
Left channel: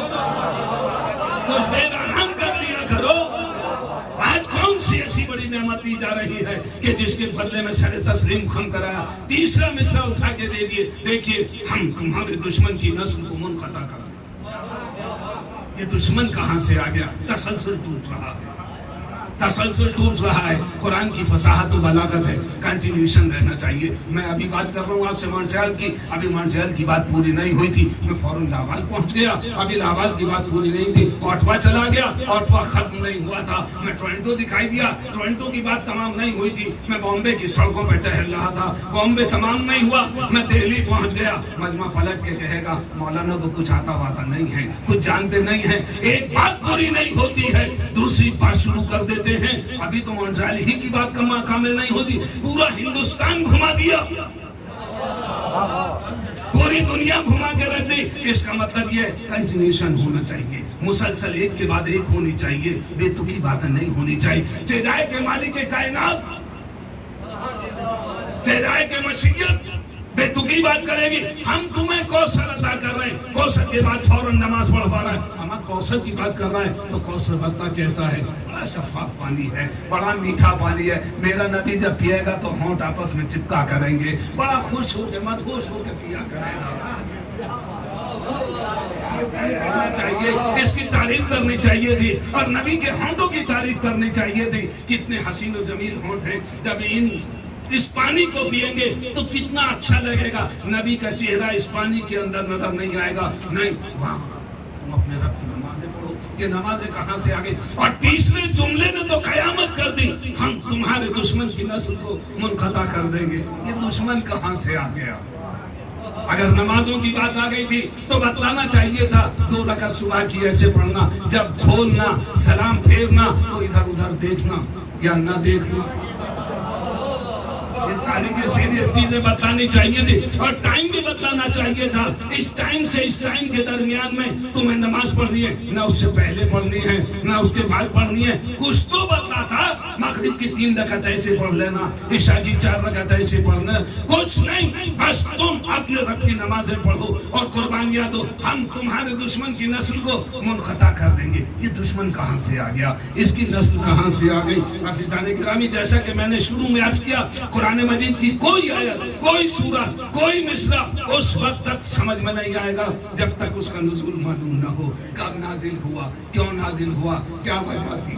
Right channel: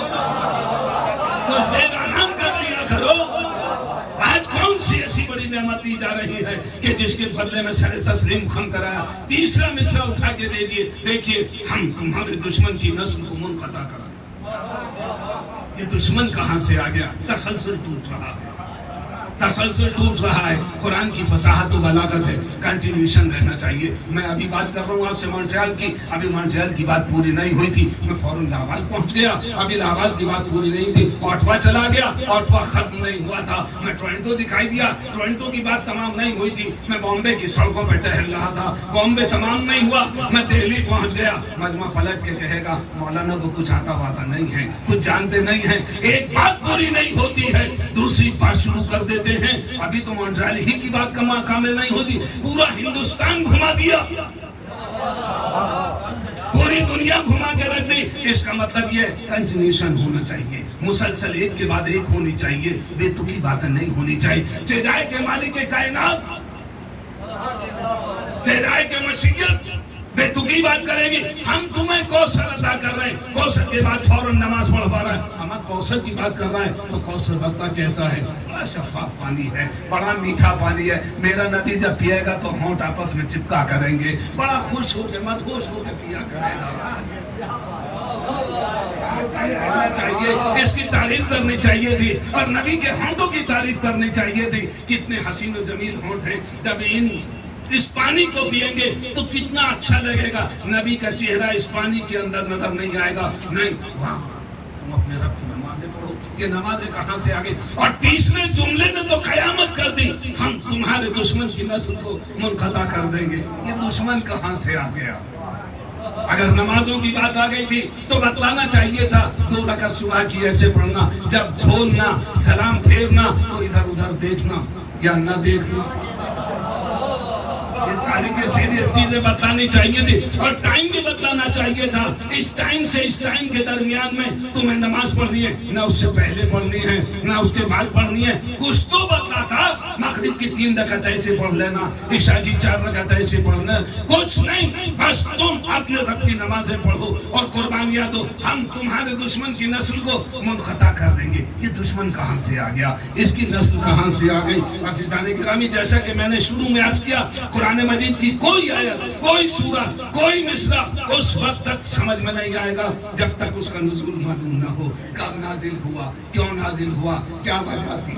کچھ دیر آرام کر لیا کرو. آج کون سی ایسی بڑی نعمت دی جا رہی ہے کہ جس کے بدلے میں سر تسلیم خم کرایا, تیسرا مصرع اٹھا کے دے دیے. دیکھیے ہم تمہارے دشمن کی نسل کو منقطع کر دیں. یہ دشمن کہاں سے آ گیا؟ تسلسل ٹوٹ رہا ہے, تسلسل ٹوٹ رہا ہے. قرآن کی فصاحت و بلاغت ہے, کنٹینیوشن رہنا چاہیے. میں ابھی بات کر رہا ہوں آپ سے مونٹریال کی. ابھی مونٹریال کی بات پوری نہیں ہوئی تھی, میں فوراً لاہور پہنچ گیا. ابھی لاہور کی بات پوری نہیں تھی, اوٹوا چلا گیا. اوٹوا ختم نہیں ہوا تھا, میں ٹورنٹو دکھائی دیا. ٹورنٹو کی بات تمام نہیں ہوئی تھی, میں بامبے کی سڑکوں پہ ٹہل رہا تھا. بامبے تمام نہیں ہوا, میں دہلی پہنچ گیا. مجمع پلٹ کے کہے گا مولانا کو کچھ آتا واتا نہیں ہے, کچھ جانتے نہیں ہیں. ایک بات پوری نہیں ہوتی ہے دوسری بات شروع کر دیتے ہیں. ابھی تو مونٹریال ہی کی بات کامل نہیں ہوتی, پورا ہندوستان گھما دیا, پوری دنیا گھما کے رکھ دی. اس کا مطلب یہ کنٹینیوشن ہونا چاہیے, مسلسل ایک کے بعد ایک ہونی چاہیے, بے تکی باتیں نہیں ہونی چاہیے. چہرائے کے مالک کائنات, چہرائے کے مشیت بے تکی بات کرے گی. ہم تمہیں کوثر عطا کر رہے ہیں, کوثر کے بعد فوراً نماز پڑھ پا رہا ہے. ہم کوثر کی بات کر رہے ہیں تو کوثر بتنا کیسا ہے؟ بڑا شفاف پانی ہے, بڑا میٹھا پانی ہے. میرا نبی جب پیے گا تو ہونٹ آپس میں چپکا کریں گے, بڑا خوش ہو کے مدہوش ہو کے پیا کرے گا. چاہیے اس کی تعریف کرنی چاہیے تھی, اور نبی کے ہونٹوں کی تعریف کرنی چاہیے تھی. کتنے حسین و جمیل ہونٹ ہیں. جب اس پانی کو پیئیں گے تو کتنا اچھا لگے گا. نبی کا چہرہ اس پانی کے اندر نظر نہیں آئے گا. نہیں, وہاں تم اپنے رب کی نمازیں پڑھو. یہ نمازیں کہاں سے آ گئی؟ اور تیسرے جملے نے تو قیامت کر دی, ہم تمہارے دشمن کی نسل کو منقطع کر دیں گے. یہ دشمن کہاں سے آ گیا؟ اگر نمازوں کی بات آ گئی تھی تو بتلانا چاہیے تھا 2 رکعت صبح کی ایسے پڑھنا, جب کھولنا سلام پھیرنا تو ادھر ادھر دیکھنا یا نہ دیکھنا. یہ ساری کی سیدھی چیزیں بتلانی چاہیے تھی, اور ٹائم بھی بتلانا چاہیے تھا. اس ٹائم سے اس ٹائم کے درمیان میں تمہیں نماز پڑھنی ہے, نہ اس سے پہلے پڑھنی ہے نہ اس کے بعد پڑھنی ہے. کچھ تو بتلا تھا, مغرب کی 3 رکعت ایسے پڑھ لینا, عشاء کی 4 رکعت ایسے پڑھنا. کچھ نہیں, بس تم اپنے رب کی نمازیں پڑھو اور قربانیاں دو. ہم تمہارے دشمن کی نسل کو منقطع کر دیں گے. یہ دشمن کہاں سے آ گیا؟ اس کی نسل کہاں سے آ گئی؟ عزیزان گرامی, جیسا کہ میں نے شروع میں عرض کیا, قرآن مجید کی کوئی آیت, کوئی سورہ, کوئی مصرع اس وقت تک سمجھ میں نہیں آئے گا جب تک اس کا نزول معلوم نہ ہو. کب نازل ہوا, کیوں نازل ہوا, کیا وجہ تھی,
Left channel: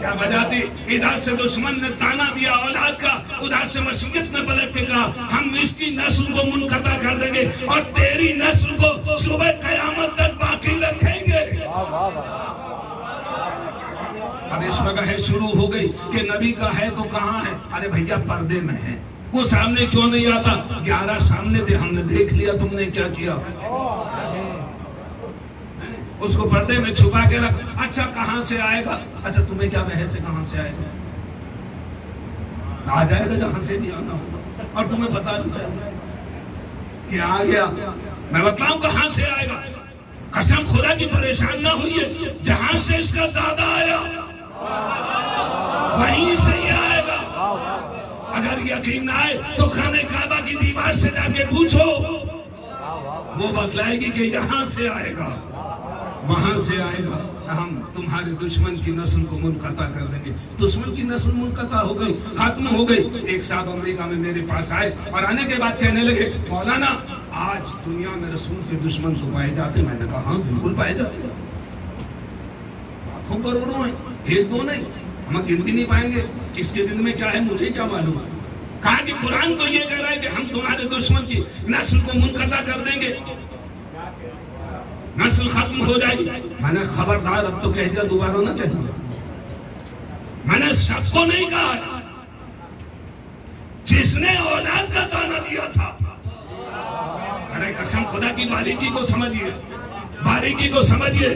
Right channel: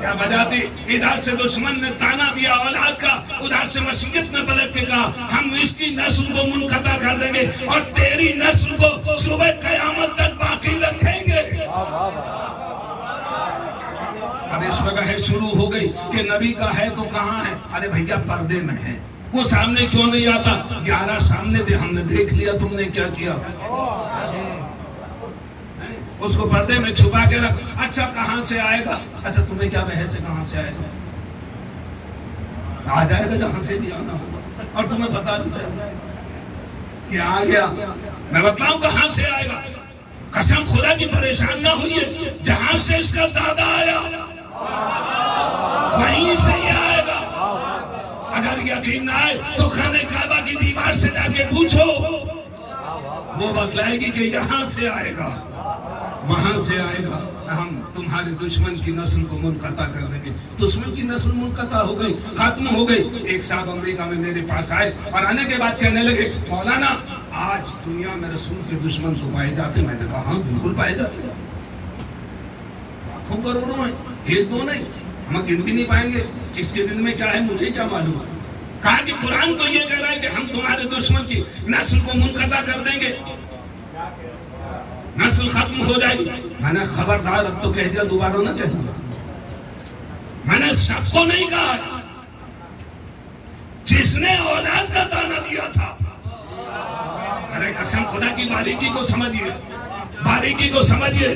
کیا وجہ تھی. ادھر سے دشمن نے تانا دیا اولاد کا, ادھر سے مشیت میں پلٹ کے کہا ہم اس کی نسل کو منقطع کر دیں گے اور تیری نسل کو صبح قیامت تک باقی رکھیں گے. اب اس وجہ شروع ہو گئی کہ نبی کا ہے تو کہاں ہے؟ ارے بھیا پردے میں ہے, وہ سامنے کیوں نہیں آتا؟ 11 سامنے تھے, ہم نے دیکھ لیا, تم نے کیا کیا؟ اس کو پردے میں چھپا کے رکھ. اچھا کہاں سے آئے گا؟ اچھا تمہیں کیا بحث ہے کہاں سے آئے گا؟ آ جائے گا جہاں سے بھی آنا ہوگا, اور تمہیں پتا بھی چل جائے گا کہ آ گیا. میں بتاؤں کہاں سے آئے گا. قسم خدا کی پریشان نہ ہوئیے, جہاں سے اس کا دادا آیا وہیں سے ہی آئے گا. اگر یقین نہ آئے تو خانہ کعبہ کی دیوار سے جا کے پوچھو, وہ بتلائے گی کہ یہاں سے آئے گا، وہاں سے آئے گا، ہم تمہارے دشمن کی نسل کو منقطع کر دیں گے۔ دشمن کی نسل منقطع ہو گئی، ختم ہو گئی۔ ایک صاحب امریکہ میں میرے پاس آئے اور آنے کے بعد کہنے لگے مولانا آج دنیا میں رسول کے دشمن تو پائے جاتے۔ میں نے کہا ہاں بالکل پائے جاتے، لاکھوں کروڑوں ہیں، ایک دو نہیں، ہم گن بھی نہیں پائیں گے۔ کس کے دل میں کیا ہے مجھے کیا معلوم۔ کہا کہ قرآن تو یہ کہہ رہا ہے کہ ہم تمہارے دشمن کی نسل کو منقطع کر دیں گے، نسل ختم ہو جائے گی۔ میں نے خبردار اب تو کہہ دیا، دوبارہ نہ کہنا۔ میں نے سب کو نہیں کہا، جس نے اولاد کا تانا دیا تھا، ارے قسم خدا کی باریکی کو سمجھیے، باریکی کو سمجھیے،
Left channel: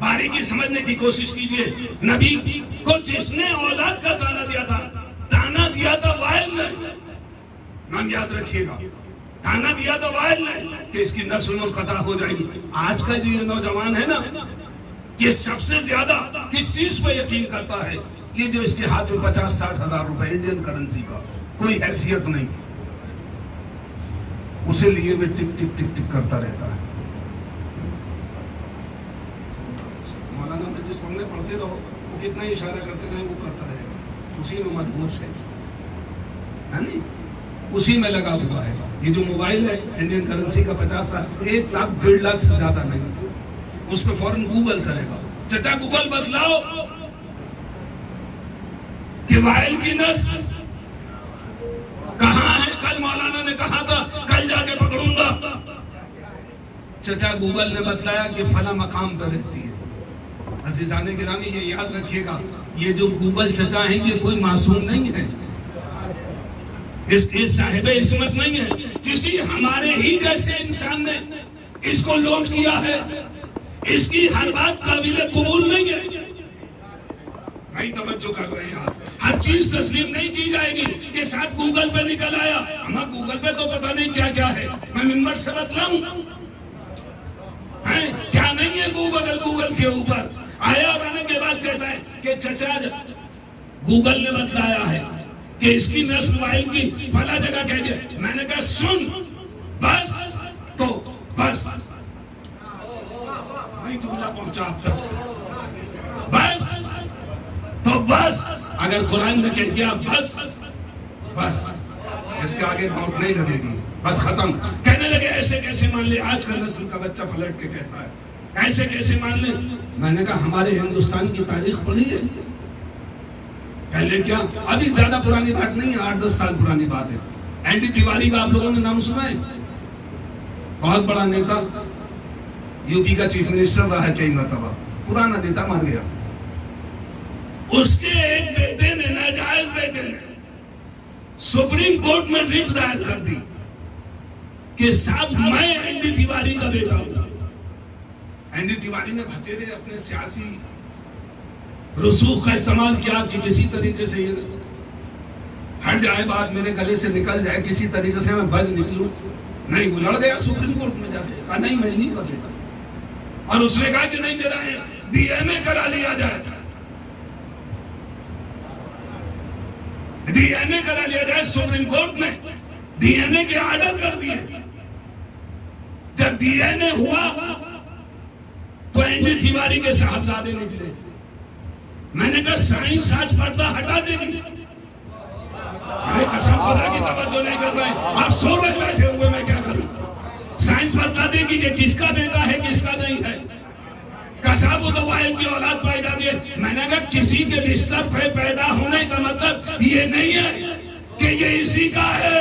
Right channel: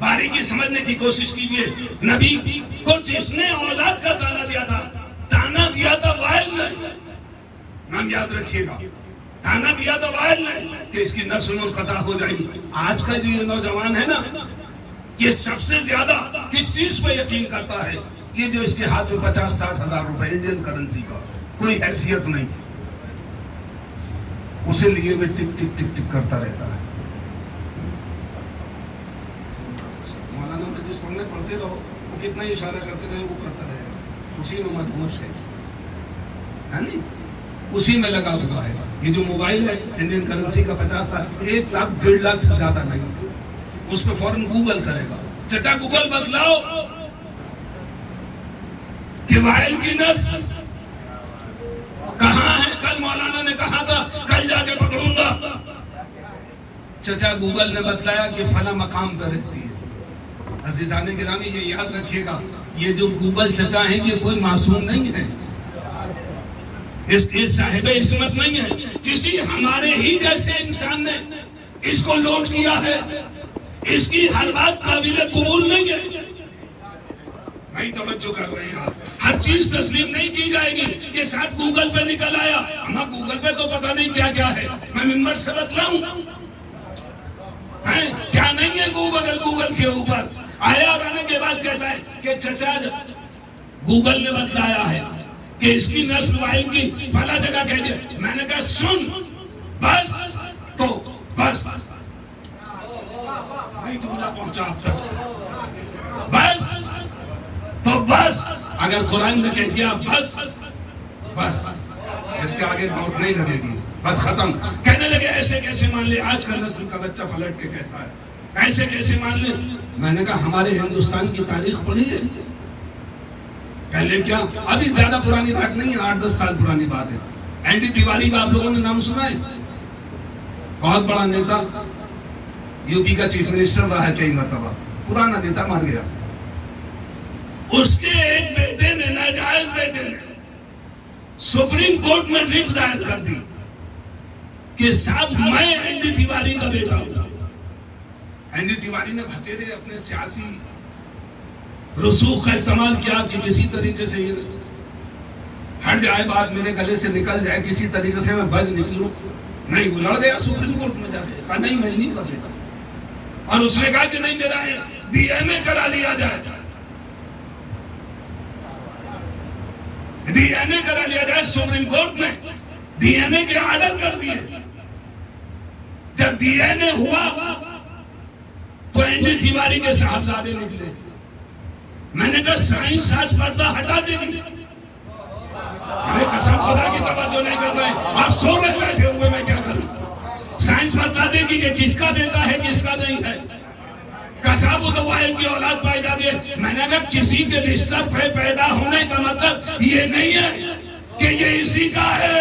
باریکی سمجھنے کی کوشش کیجیے۔ نبی کو جس نے اولاد کا تانا دیا تھا، تانا دیا تھا وائل نے، نام یاد رکھیے گا، تانا دیا تھا وائل نے کہ اس کی نسل منقطع ہو جائے گی۔ آج کا جو یہ نوجوان ہے نا، یہ سب سے زیادہ کس چیز پہ یقین کرتا ہے؟ یہ جو اس کے ہاتھ میں 50-60 ہزار روپے انڈین کرنسی کا کوئی حیثیت نہیں، اسے لیے میں ٹک ٹک ٹک ٹک کرتا رہتا ہے۔ مولانا میں جس پڑھنے پڑھتے رہو وہ کتنا اشارہ کرتے رہے وہ کرتا رہے گا، اسی میں مدہوش ہے، اسی میں لگا ہوا ہے۔ یہ جو موبائل ہے انڈین کرنسی کا 50-60 1 لاکھ 1.5 لاکھ سے زیادہ نہیں، اس پہ فوراً گوگل کرے گا، چچا گوگل بتلاؤ کہ وائل کی نسل کہاں ہے؟ کل مولانا نے کہا تھا کل جا کے پکڑوں گا، چچا گوگل نے بتلایا کہ فلاں مقام پر رہتی ہے۔ عزیزان گرامی یہ یاد رکھیے گا، یہ جو گوگل چچا ہیں یہ کوئی معصوم نہیں ہے، اس صاحب عصمت نہیں ہے، کسی ہمارے ہی جیسے انسان نے اس کو لوٹ کیا ہے، اس کی ہر بات قابل قبول نہیں ہے۔ بھائی توجہ کر رہے ہیں آپ، ہر چیز تسلیم نہیں کی جائے گی کہ ساتھ گوگل پہ نکل آیا، ہمیں گوگل پہ تو پتہ نہیں کیا کیا ہے، میں منبر سے بتلاؤں کیا نہیں ہے گوگل کے اوپر آیا، اور آنے کے بعد کہتا ہے کہ چچا گوگل نے بتلایا ہے کہ اس کی نسل وائل کی فلاں جگہ کہہ دیا۔ میں نے کہا سن بس تو بس، نہیں جملہ پہنچا اب تک، بس تو بس، اگر قرآن نے کہہ دیا بس بس، اس کے آگے بہت نہیں لگے گی، بس ختم۔ کہنے لگے ایسے کیسے مان لے، آج کا نسل کا بچہ پلٹ کے کہتا ہے ایسے کیسے مان لے۔ میں نے کہا ہمارے ہندوستان کی تاریخ پڑھی ہے؟ پہلے کیا، ابھی زیادہ پرانی بات نہیں ہے، 8-10 سال پرانی بات ہے۔ این ڈی تیواری کا آپ لوگوں نے نام سنا ہے؟ بہت بڑا نیتا، یو پی کا چیف منسٹر رہا ہے کئی مرتبہ، پرانا نیتا مر گیا، اس کے ایک بیٹے نے، ناجائز بیٹے نے، سپریم کورٹ میں رٹ دائر کر دی کہ صاحب میں این ڈی تیواری کا بیٹا ہوں۔ این ڈی تیواری نے بھتیرے اپنے سیاسی رسوخ کا استعمال کیا کہ کسی طریقے سے یہ ہٹ جائے، بات میرے گلے سے نکل جائے، کسی طریقے سے میں بچ نکلوں۔ نہیں، وہ لڑ گیا سپریم کورٹ میں جا کے، کہا نہیں میں نہیں کا بیٹا، اور اس نے کہا کہ نہیں میرا ڈی این اے کرا لیا جائے، ڈی این اے کرا لیا جائے۔ سپریم کورٹ نے ڈی این اے کے آرڈر کر دیے۔ جب ڈی این اے ہوا تو این ڈی تیواری کے صاحبزادے نکلے۔ میں نے کہا سائنس آج پردہ ہٹا دے گی، ارے قسم خدا کی توجہ نہیں کر رہے، آپ سو کے بیٹھے ہوئے، میں کیا کروں؟ سائنس بتا دے گی کہ کس کا بیٹا ہے کس کا نہیں ہے۔ کساب و دوائل کی اولاد پائی جاتی ہے۔ میں نے کہا کسی کے بستر پہ پیدا ہونے کا مطلب یہ نہیں ہے کہ یہ اسی کا ہے۔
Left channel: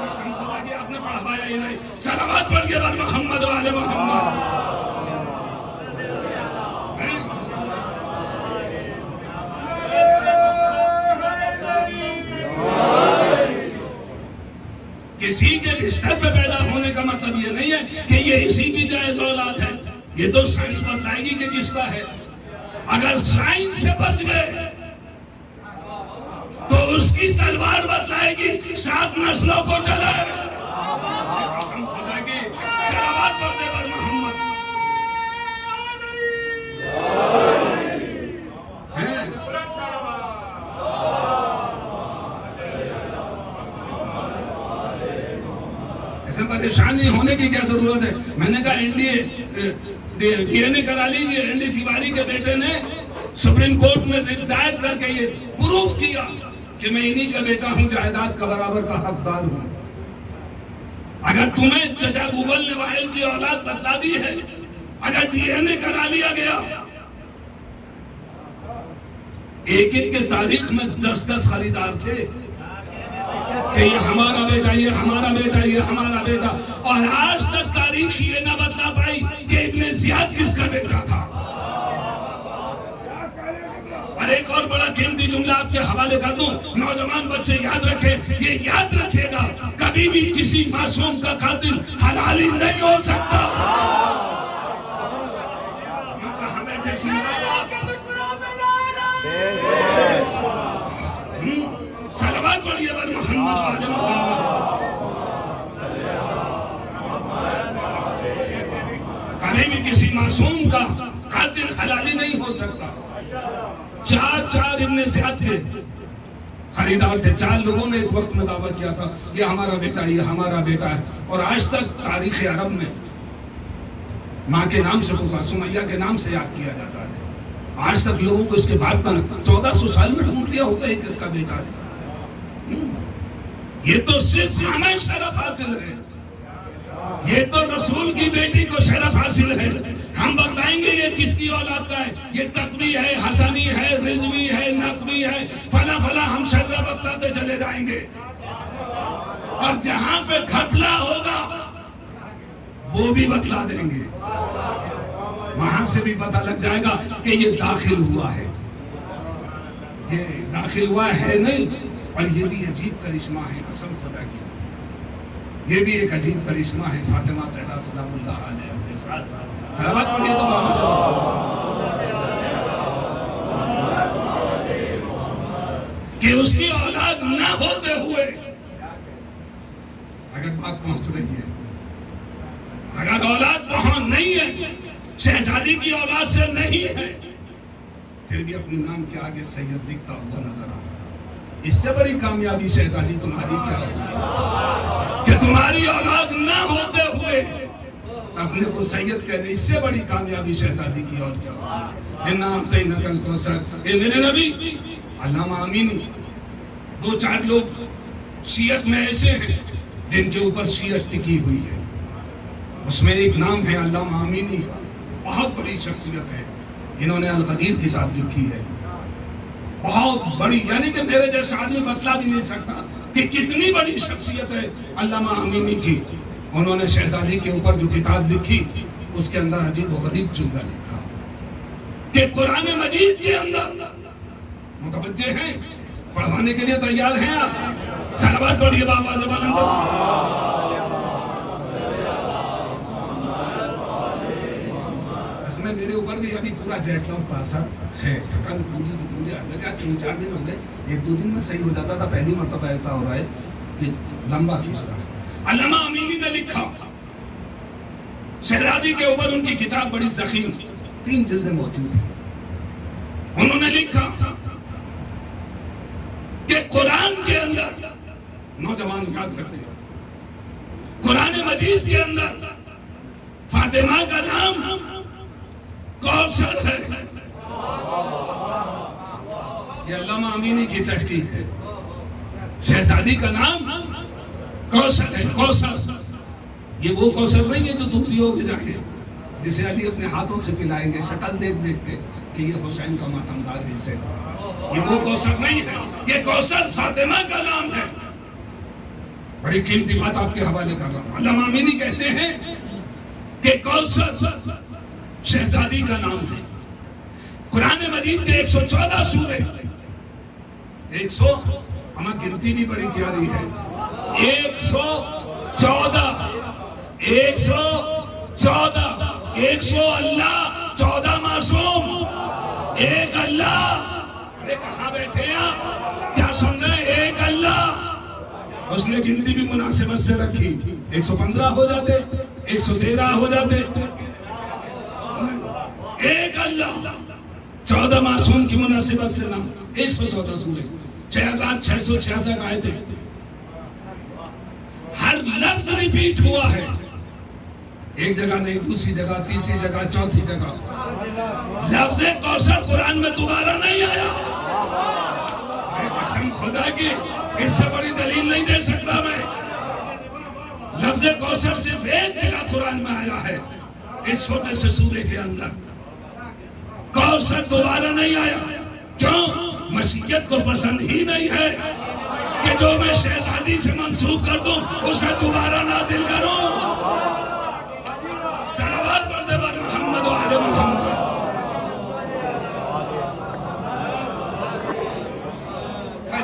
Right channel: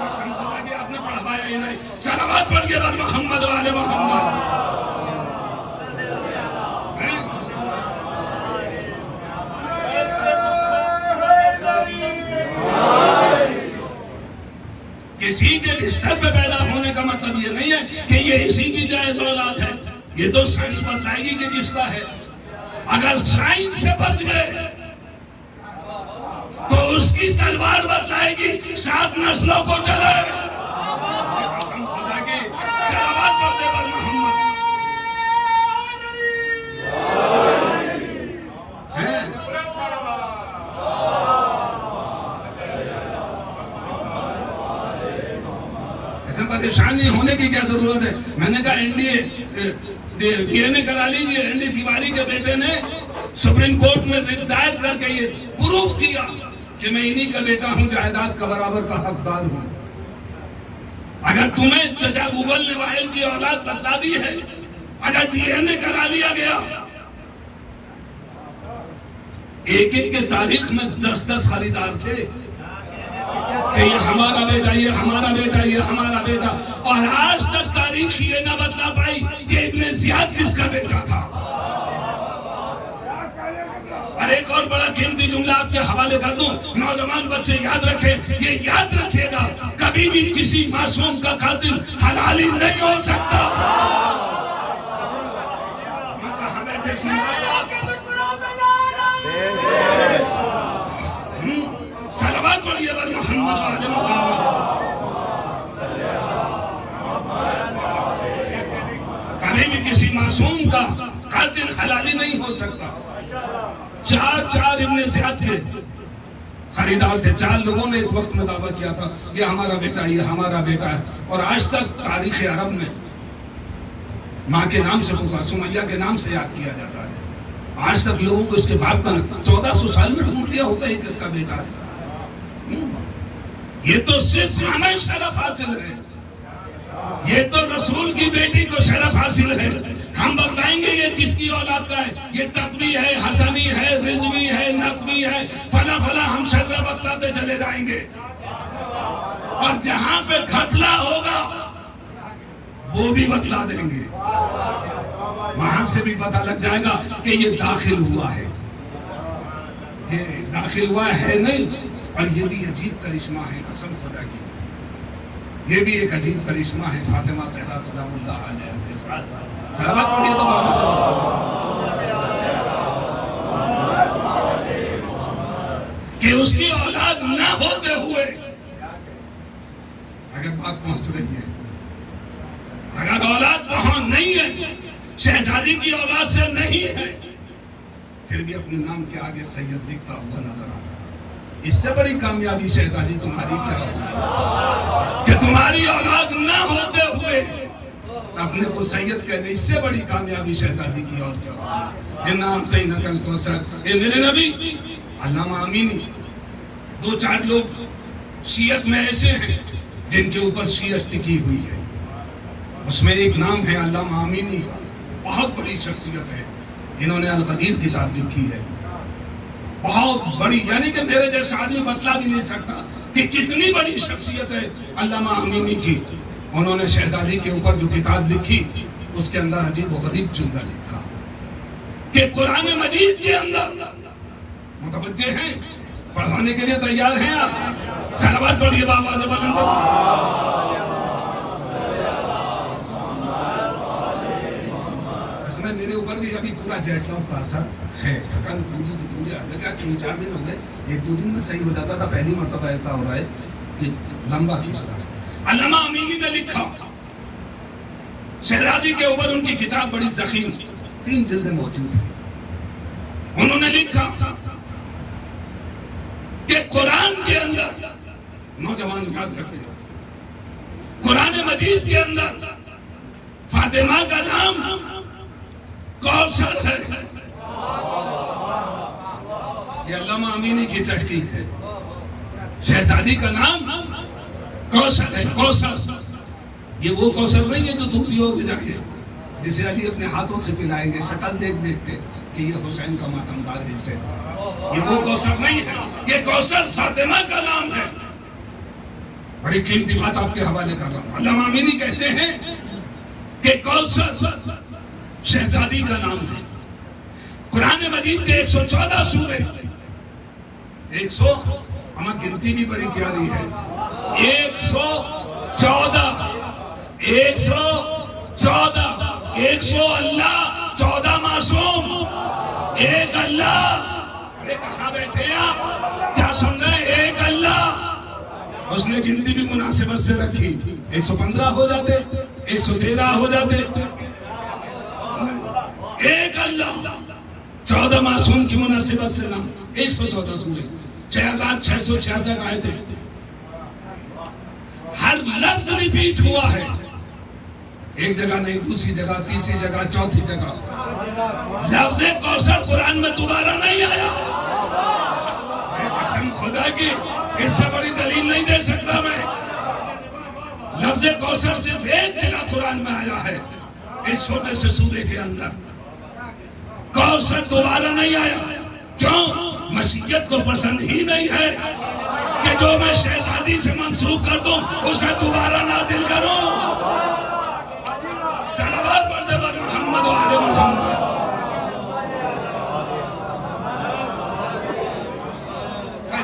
قسم خدا کی آپ نے پڑھوایا ہی نہیں۔ صلوات پڑھ کے بر محمد و آل محمد۔ کسی کے بستر پہ پیدا ہونے کا مطلب یہ نہیں ہے کہ یہ اسی کی جائز اولاد ہے۔ یہ تو سائنس بتلائے گی کہ کس کا ہے۔ اگر سائنس سے بچ گئے تو اس کی تلوار بتلائے گی 7 نسلوں کو چلائے۔ قسم خدا کی، صلوات پڑھتے پر محمد۔ اس میں پریشانی ہونے کی کیا ضرورت ہے؟ میں نے کہا ڈی این اے کرا لیجیے. این ڈی تیواری کے بیٹے نے سپریم کورٹ میں رٹ دائر کر کے یہ پروف کیا کہ میں انہی کا بیٹا ہوں، جائیداد کا برابر کا حقدار ہوں. اگر تمہیں چچا گوگل نے وائل کی اولاد بتلا دی ہے، اگر ڈی این اے کرا لیا گیا، ایک ایک کے تاریخ میں 10 خریدار تھے کہ یہ ہمارا بیٹا، یہ ہمارا بیٹا، یہ ہمارا بیٹا، اور آج تک تاریخ یہ نہ بتلا پائی کہ ابن زیاد کس کا بیٹا تھا. اور ایک اور بڑا قیمتی جملہ آپ کے حوالے کر دوں، نوجوان بچے یاد رکھیں، یہ یاد رکھیے گا، کبھی بھی کسی معصوم کا قاتل حلالی نہیں ہو سکتا. صلوات پڑھیے بر محمد وعلی محمد. کبھی بھی کسی معصوم کا قاتل حلالی نہیں ہو سکتا. 4 ابن زیاد کے خریدار تھے. 4 لوگوں نے ایک وقت میں دعویٰ کیا تھا یہ ہمارا بیٹا ہے، یہ ہمارا بیٹا ہے. اور آج تک تاریخ عرب میں ماں کے نام سے پکار، سمیہ کے نام سے یاد کیا جاتا ہے. آج تک لوگوں کو اس کے باپ کا 1400 سال میں ڈھونڈ لیا ہوتا ہے کس کا بیٹا ہے. یہ تو صرف ہمیں شرف حاصل ہے، یہ تو رسول کی بیٹی کو شرف حاصل ہے. ہم بتلائیں گے یہ کس کی اولاد کا ہے، یہ تقوی ہے، حسنی ہے، رضوی ہے، نقوی ہے، فلا فلا، ہم شرف بتلاتے چلے جائیں گے. اور جہاں پہ گھپلا ہوگا وہ بھی بتلا دیں گے. وہاں سے بھی پتہ لگ جائے گا کہ یہ داخل ہوا ہے، یہ داخل ہوا ہے نہیں. اور یہ بھی عجیب کرشمہ ہے قسم خدا کی، یہ بھی ایک عجیب کرشمہ ہے. فاطمہ زہرا سلام اللہ علیہا کے ساتھ صحابت پڑھیے تو کہ اس کی اولاد نہ ہوتے ہوئے اگر بات پہنچ رہی ہے، اگر اولاد وہاں نہیں ہے، شہزادی کی اولاد سے نہیں ہے، پھر بھی اپنے نام کے آگے سید لکھتا ہوا نظر آ رہا ہے. اس سے بڑی کامیابی شہزادی تمہاری کیا ہوگی کہ تمہاری اولاد نہ ہوتے ہوئے اپنے کو سید کہنے. اس سے بڑی کامیابی شہزادی کی اور کیا ہوگی. اِنَّا الْكَوْثَرَ. اے میرے نبی، علامہ امینی 2-4 لوگ شیعت میں ایسے ہیں جن کے اوپر شیعت ٹکی ہوئی ہے. اس میں ایک نام ہے علامہ امینی کا، بہت بڑی شخصیت ہے، جنہوں نے الغدیر کتاب لکھی ہے. بہت بڑی، یعنی کہ میرے جیسا آدمی بتلا بھی نہیں سکتا کہ کتنی بڑی شخصیت ہے علامہ امینی کی. انہوں نے شہزادی کے اوپر جو کتاب لکھی اس کے اندر عجیب و غریب جملہ لکھا کہ قرآن مجید کے اندر، متوجہ ہیں، پڑھوانے کے لیے تیار ہیں آپ؟ صلوات پڑھیے بابا زبان. اس میں میرے اوپر بھی ابھی پورا جیکلوں کا اثر ہے. ختم پوری آنے کا 3-4 دن ہو گئے. 1-2 دن میں صحیح ہو جاتا تھا، پہلی مرتبہ ایسا ہو رہا ہے کہ لمبا کھینچ رہا ہے. علامہ امینی نے لکھا شہزادی کے اوپر، ان کی کتاب بڑی ضخیم 3 جلدیں موجود ہیں. انہوں نے لکھا کہ قرآن کے اندر، نوجوان یاد رکھیں، قرآن مجید کے اندر فاطمہ کا نام کوثر ہے. یہ علامہ امینی کی تحقیق ہے. شہزادی کا نام کوثر ہے. کوثر یہ وہ کوثر نہیں ہے جو تم پیو گے جا کے، جسے علی اپنے ہاتھوں سے پلائیں گے شکل دیکھ دیکھ کے کہ یہ حسین کا ماتمدار ہے. اسے یہ وہ کوثر نہیں ہے، یہ کوثر فاطمہ کا نام ہے. بڑی قیمتی بات آپ کے حوالے کر رہا ہوں. علامہ امینی کہتے ہیں کہ کوثر شہزادی کا نام ہے. قرآن مجید کے 114 سورے، 100 ہمیں گنتی بھی بڑی پیاری ہے، 114 100 اللہ، 14 معصوم، ایک اللہ. ارے کہاں بیٹھے آپ؟ کیا سن رہے ہیں؟ ایک اللہ. اس نے گنتی بھی مناسبت سے رکھی. 115 ہو جاتے، 113 ہو جاتے. ایک اللہ، 14 معصوم کی مناسبت سے نام. 114 سورے، 6666 آئے تھے. ہر لفظ ریپیٹ ہوا ہے، ایک جگہ نہیں، دوسری جگہ، تیسری جگہ، چوتھی جگہ۔ لفظ کوثر قرآن میں دوبارہ نہیں آیا۔ قسم خدا کی اس سے بڑی دلیل نہیں دے سکتا میں۔ لفظ کوثر صرف ایک جگہ قرآن میں آیا ہے، اس چھوٹے سے سورے کے اندر۔ کوثر دوبارہ نہیں آیا، کیوں؟ مشیت کو پسند ہی نہیں ہے کہ جو میں شہزادی سے منسوخ کر دوں اسے دوبارہ نازل کروں۔ صلوات پڑھتے پر محمد و آل محمد۔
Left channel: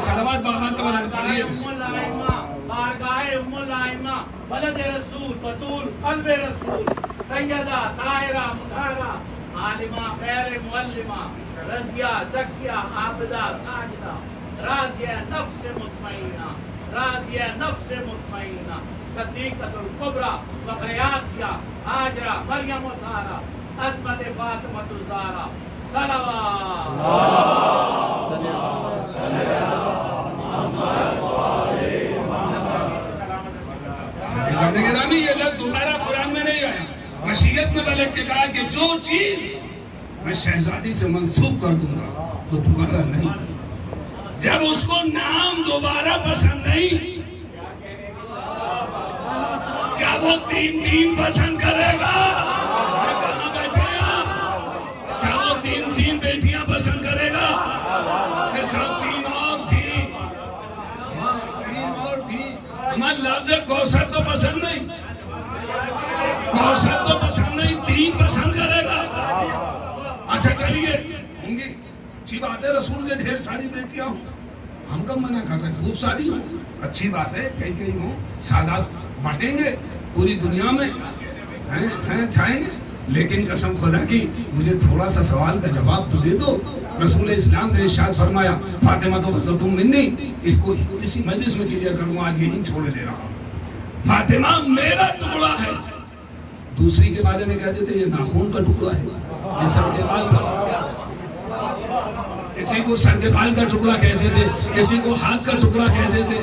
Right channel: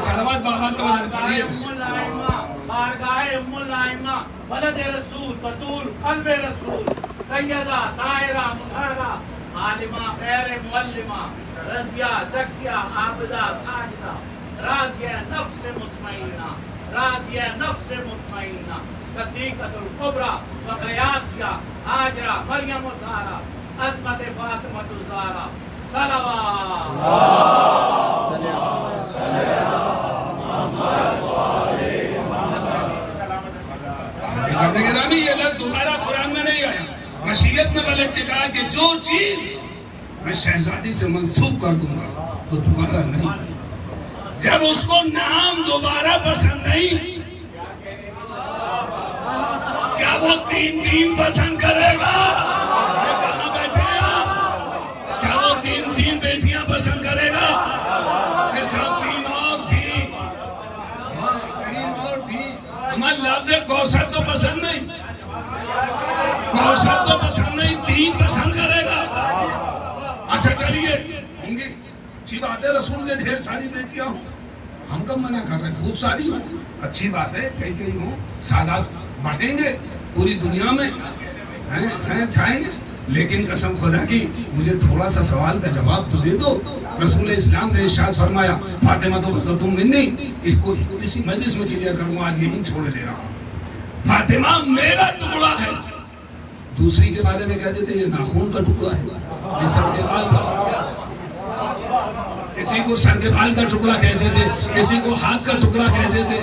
صلوات بآواز پڑھیے۔ بارگاہ ام الائمہ ولد رسول بطول قلب رسول سیدہ طاہرہ مطہرہ عالمہ غیر معلمہ رضیہ زکیہ عابدہ ساجدہ راضیہ نفس مطمئنہ راضیہ نفس مطمئنہ صدیقۃ الکبریٰ وغیاسیہ ہاجرہ مریم الزہرا عصمت فاطمہ الزہرا یہ لفظ دوبارہ قرآن میں نہیں آیا۔ مشیت میں ملک نے کہا کہ جو چیز میں شہزادی سے منسوخ کر دوں گا وہ دوبارہ نہیں۔ جب اس کو نام دوبارہ پسند نہیں، کیا وہ تین پسند کرے گا؟ کہاں بیٹھے آپ؟ کیا وہ تین بیٹیاں پسند کرے گا؟ کہ سب تین اور تھی، ہمارا لفظ کوثر تو پسند نہیں، کوثر تو پسند نہیں، تین پسند کرے گا۔ اچھا چلیے، ہوں گی، اچھی بات ہے، رسول نے ڈھیر ساری بیٹیاں ہوں، ہم کب منع کر رہے ہیں؟ خوب ساری ہوں، اچھی بات ہے، کئی ہوں، سادات بڑھیں گے پوری دنیا میں، چھائیں گے۔ لیکن قسم خدا کی مجھے تھوڑا سا سوال کا جواب تو دے دو۔ رسول اسلام نے ارشاد فرمایا فاطمہ تو بسطم منی، اس کو کسی مجلس میں کلیئر کروں، آج یہی چھوڑے دے رہا ہوں، فاطمہ میرا ٹکڑا ہے۔ دوسری کے بارے میں کہتے تھے یہ ناخون کا ٹکڑا ہے، یہ سر کے بال کا، کسی کو سر کے بال کا ٹکڑا کہتے تھے، کسی کو ہاتھ کا ٹکڑا کہتے تھے،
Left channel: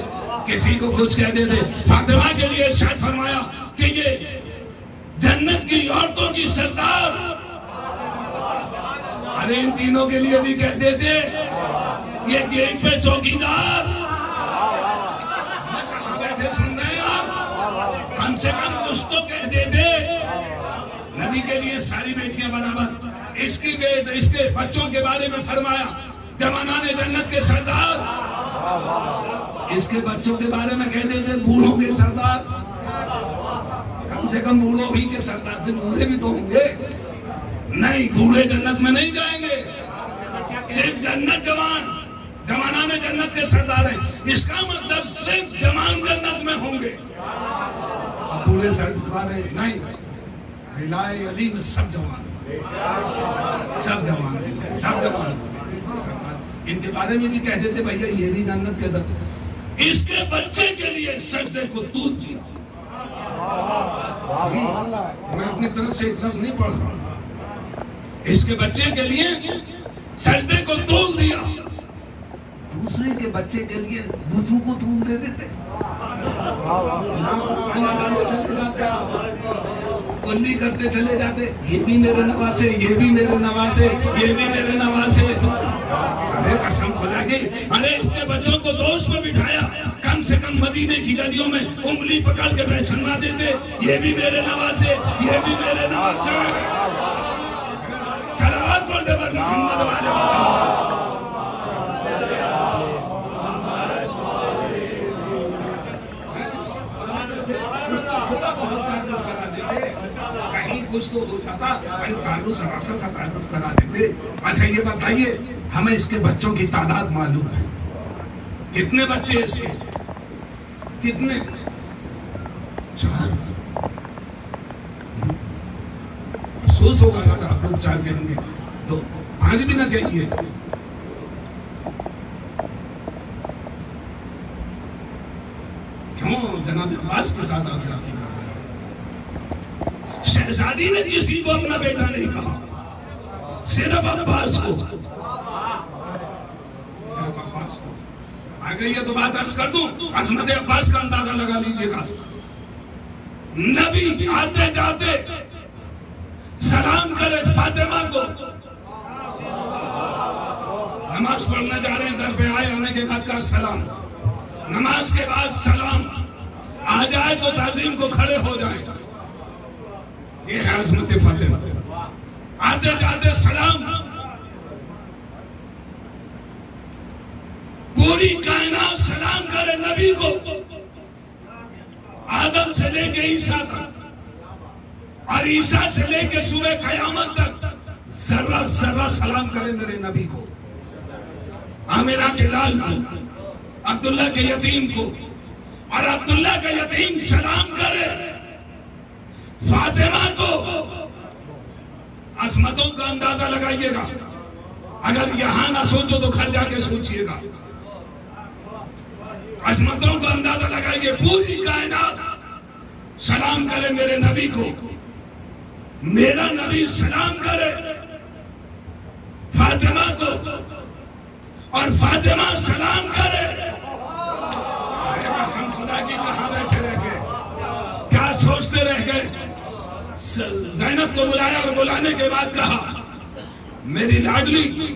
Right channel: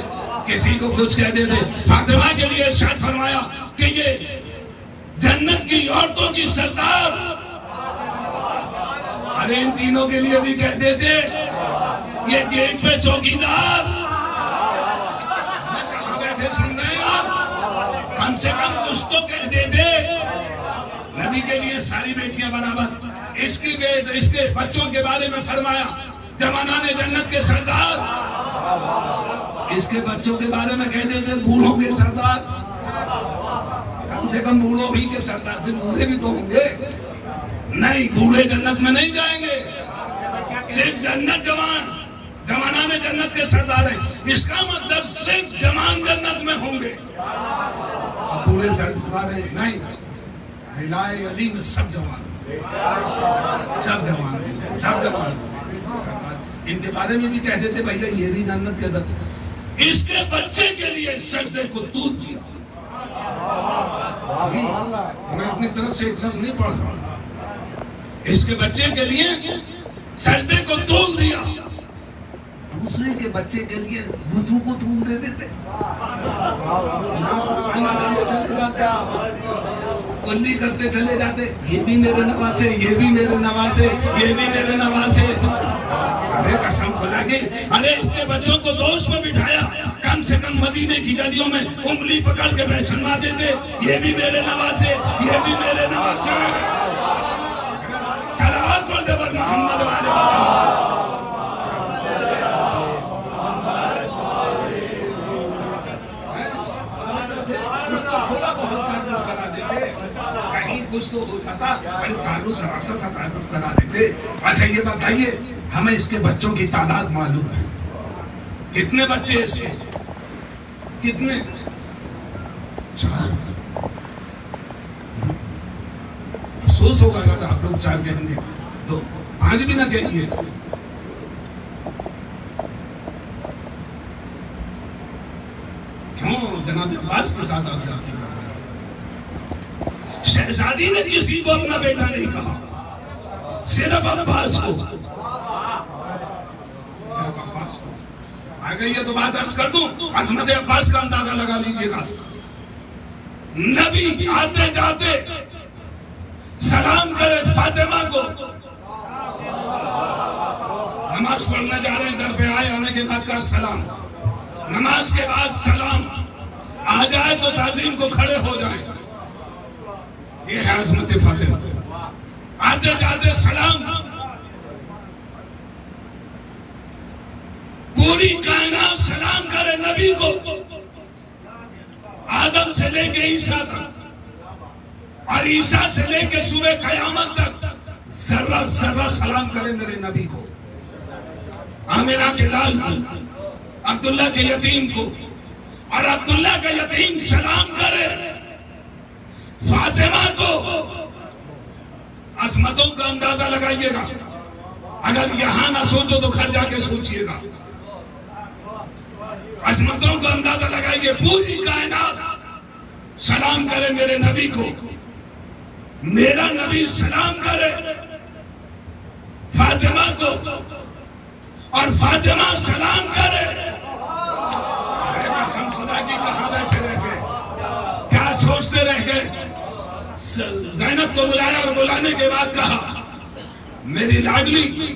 کسی کو کچھ کہتے تھے۔ فاطمہ کے لیے ارشاد فرمایا کہ یہ جنت کی عورتوں کی سردار، ارے ان تینوں کے لیے بھی کہتے تھے یہ گیٹ پہ چوکیدار۔ کہاں بیٹھے سن رہے ہیں آپ؟ کم سے کم کچھ تو کہتے تھے۔ نبی کے لیے ساری بیٹیاں برابر۔ اس کے بچوں کے بارے میں فرمایا جوانان جنت کے سردار، اس کے بچوں کے بارے میں کہتے تھے بوڑھوں کے سردار۔ کم سے کم بوڑھوں ہی کے سردار تھے، بوڑھے بھی تو ہوں گے۔ نہیں، بوڑھے جنت میں نہیں جائیں گے، صرف جنت جوانان جنت کے سردار ہیں۔ اس کا مطلب صرف جوان جنت میں ہوں گے، اب بوڑھے سردار ہیں نہیں۔ ہلائے علی میں سب جوان سردار، ان کے بارے میں بھی کہتے تھے بھائی یہ بھی جنت کے در۔ اس کے بچے کے لیے سجدے کو دودھ دیا۔ میں اپنی طرف سے ایک لفظ نہیں پڑھ رہا ہوں، اس کے بچے کے لیے سجدے کو دودھ دیا۔ دوسرے کے بچے کے لیے بزو کو دودھ دے دیتے، چلے جاتے، کنی کرتے چلے جاتے، یہ بھی میرے نواسے، یہ بھی میرے نواسے، یہ بھی میرے نواسے۔ ارے قسم خدا کی، ارے اس کے بچوں کو دوست پہ بٹھایا، کم سے کم مدینے کی گلیوں میں انگلی پکڑ کے پہچانوا دیتے، یہ بھی میرے نواسے، یہ بھی میرے نواسے۔ صلوات پڑھتے پر محمد و آل محمد۔ تھوڑا بہت تعارف کرا دیتے، کہیں کچھ تو ہوتا تھا، بڑی تعارف ذرا سا تعارف کرا دیتے۔ اچھا یہ بتائیے ہمیں اس کے بچوں کی تعداد معلوم ہے، کتنے بچے اس کے؟ کتنے؟ 4۔ افسوس ہوگا اگر آپ لوگ 4 کہیں گے تو 5 بھی نہ کہیں گے۔ کیوں جناب عباس کے ساتھ آپ جاتی کر رہے ہیں؟ شہزادی نے کسی کو اپنا بیٹا نہیں کہا، صرف عباس کو، صرف عباس کو۔ آ گئی ہے تو بات عرض کر دوں، عظمت عباس کا اندازہ لگا لیجیے گا. نبی آتے جاتے سلام کرے فاطمہ کو، نماز پڑھنے جا رہے ہیں، در پہ آئے، آنے کے بعد کا سلام، نماز کے بعد سلام، آ جائے تو تعظیم کو کھڑے ہو جائیں. یہ ہے عظمت فاطمہ. آتے جاتے سلام. پوری کائنات سلام کرے نبی کو، آدم سے لے کے عیسیٰ تک اور عیسیٰ سے لے کے صبح قیامت تک ذرہ ذرہ سلام کرے میرے نبی کو، آمنہ کے لال کو، عبداللہ کے یتیم کو، اور عبداللہ کا یتیم سلام کرے فاطمہ کو. عظمتوں کا اندازہ لگائیے گا. اگر یہاں نہ سوچو تو گھر جا کے سوچئے گا. عظمتوں کا اندازہ لگائیے. پوری کائنات سلام کرے میرے نبی کو، میرا نبی سلام کرے فاطمہ کو، اور فاطمہ سلام کرے. قسم خدا کی کہاں بیٹھے رہ گئے، کیا سوچتے رہ گئے. زینب کو بلایا اور بلانے کے بعد کہا میری لاڈلی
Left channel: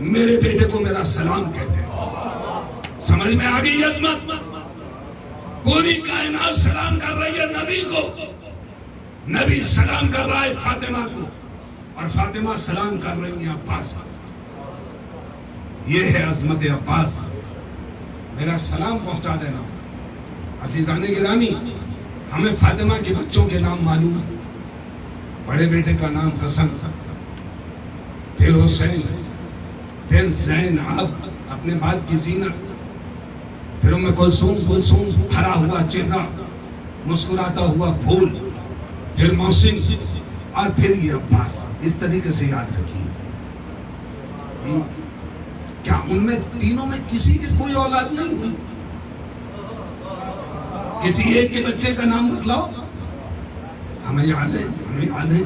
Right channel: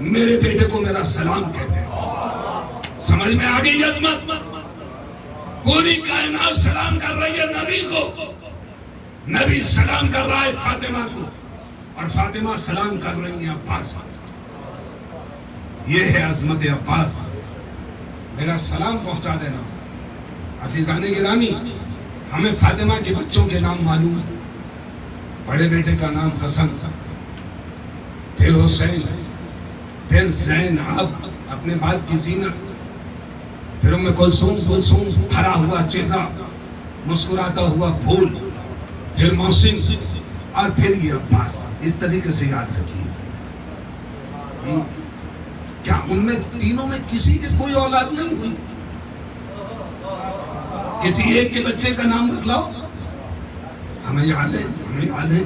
میرے بیٹے کو میرا سلام کہتے ہیں. سمجھ میں آ گئی عظمت. پوری کائنات سلام کر رہی ہے نبی کو، نبی سلام کر رہا ہے فاطمہ کو، اور فاطمہ سلام کر رہی ہے عباس کو. یہ ہے عظمت عباس. میرا سلام پہنچا دینا. عزیزان گرامی، ہمیں فاطمہ کے بچوں کے نام معلوم ہے. بڑے بیٹے کا نام حسن، پھر حسین، پھر زینب اپنے باپ کی زینت، پھر ام کلثوم، کلثوم بھرا ہوا چہرہ، مسکراتا ہوا پھول، پھر محسن، اور پھر یہ عباس. اس طریقے سے یاد رکھیے. کیا ان میں تینوں میں کسی کی کوئی اولاد نہیں ہوئی؟ کسی ایک کے بچے کا نام بتلاؤ. ہمیں یاد ہے، ہمیں یاد ہے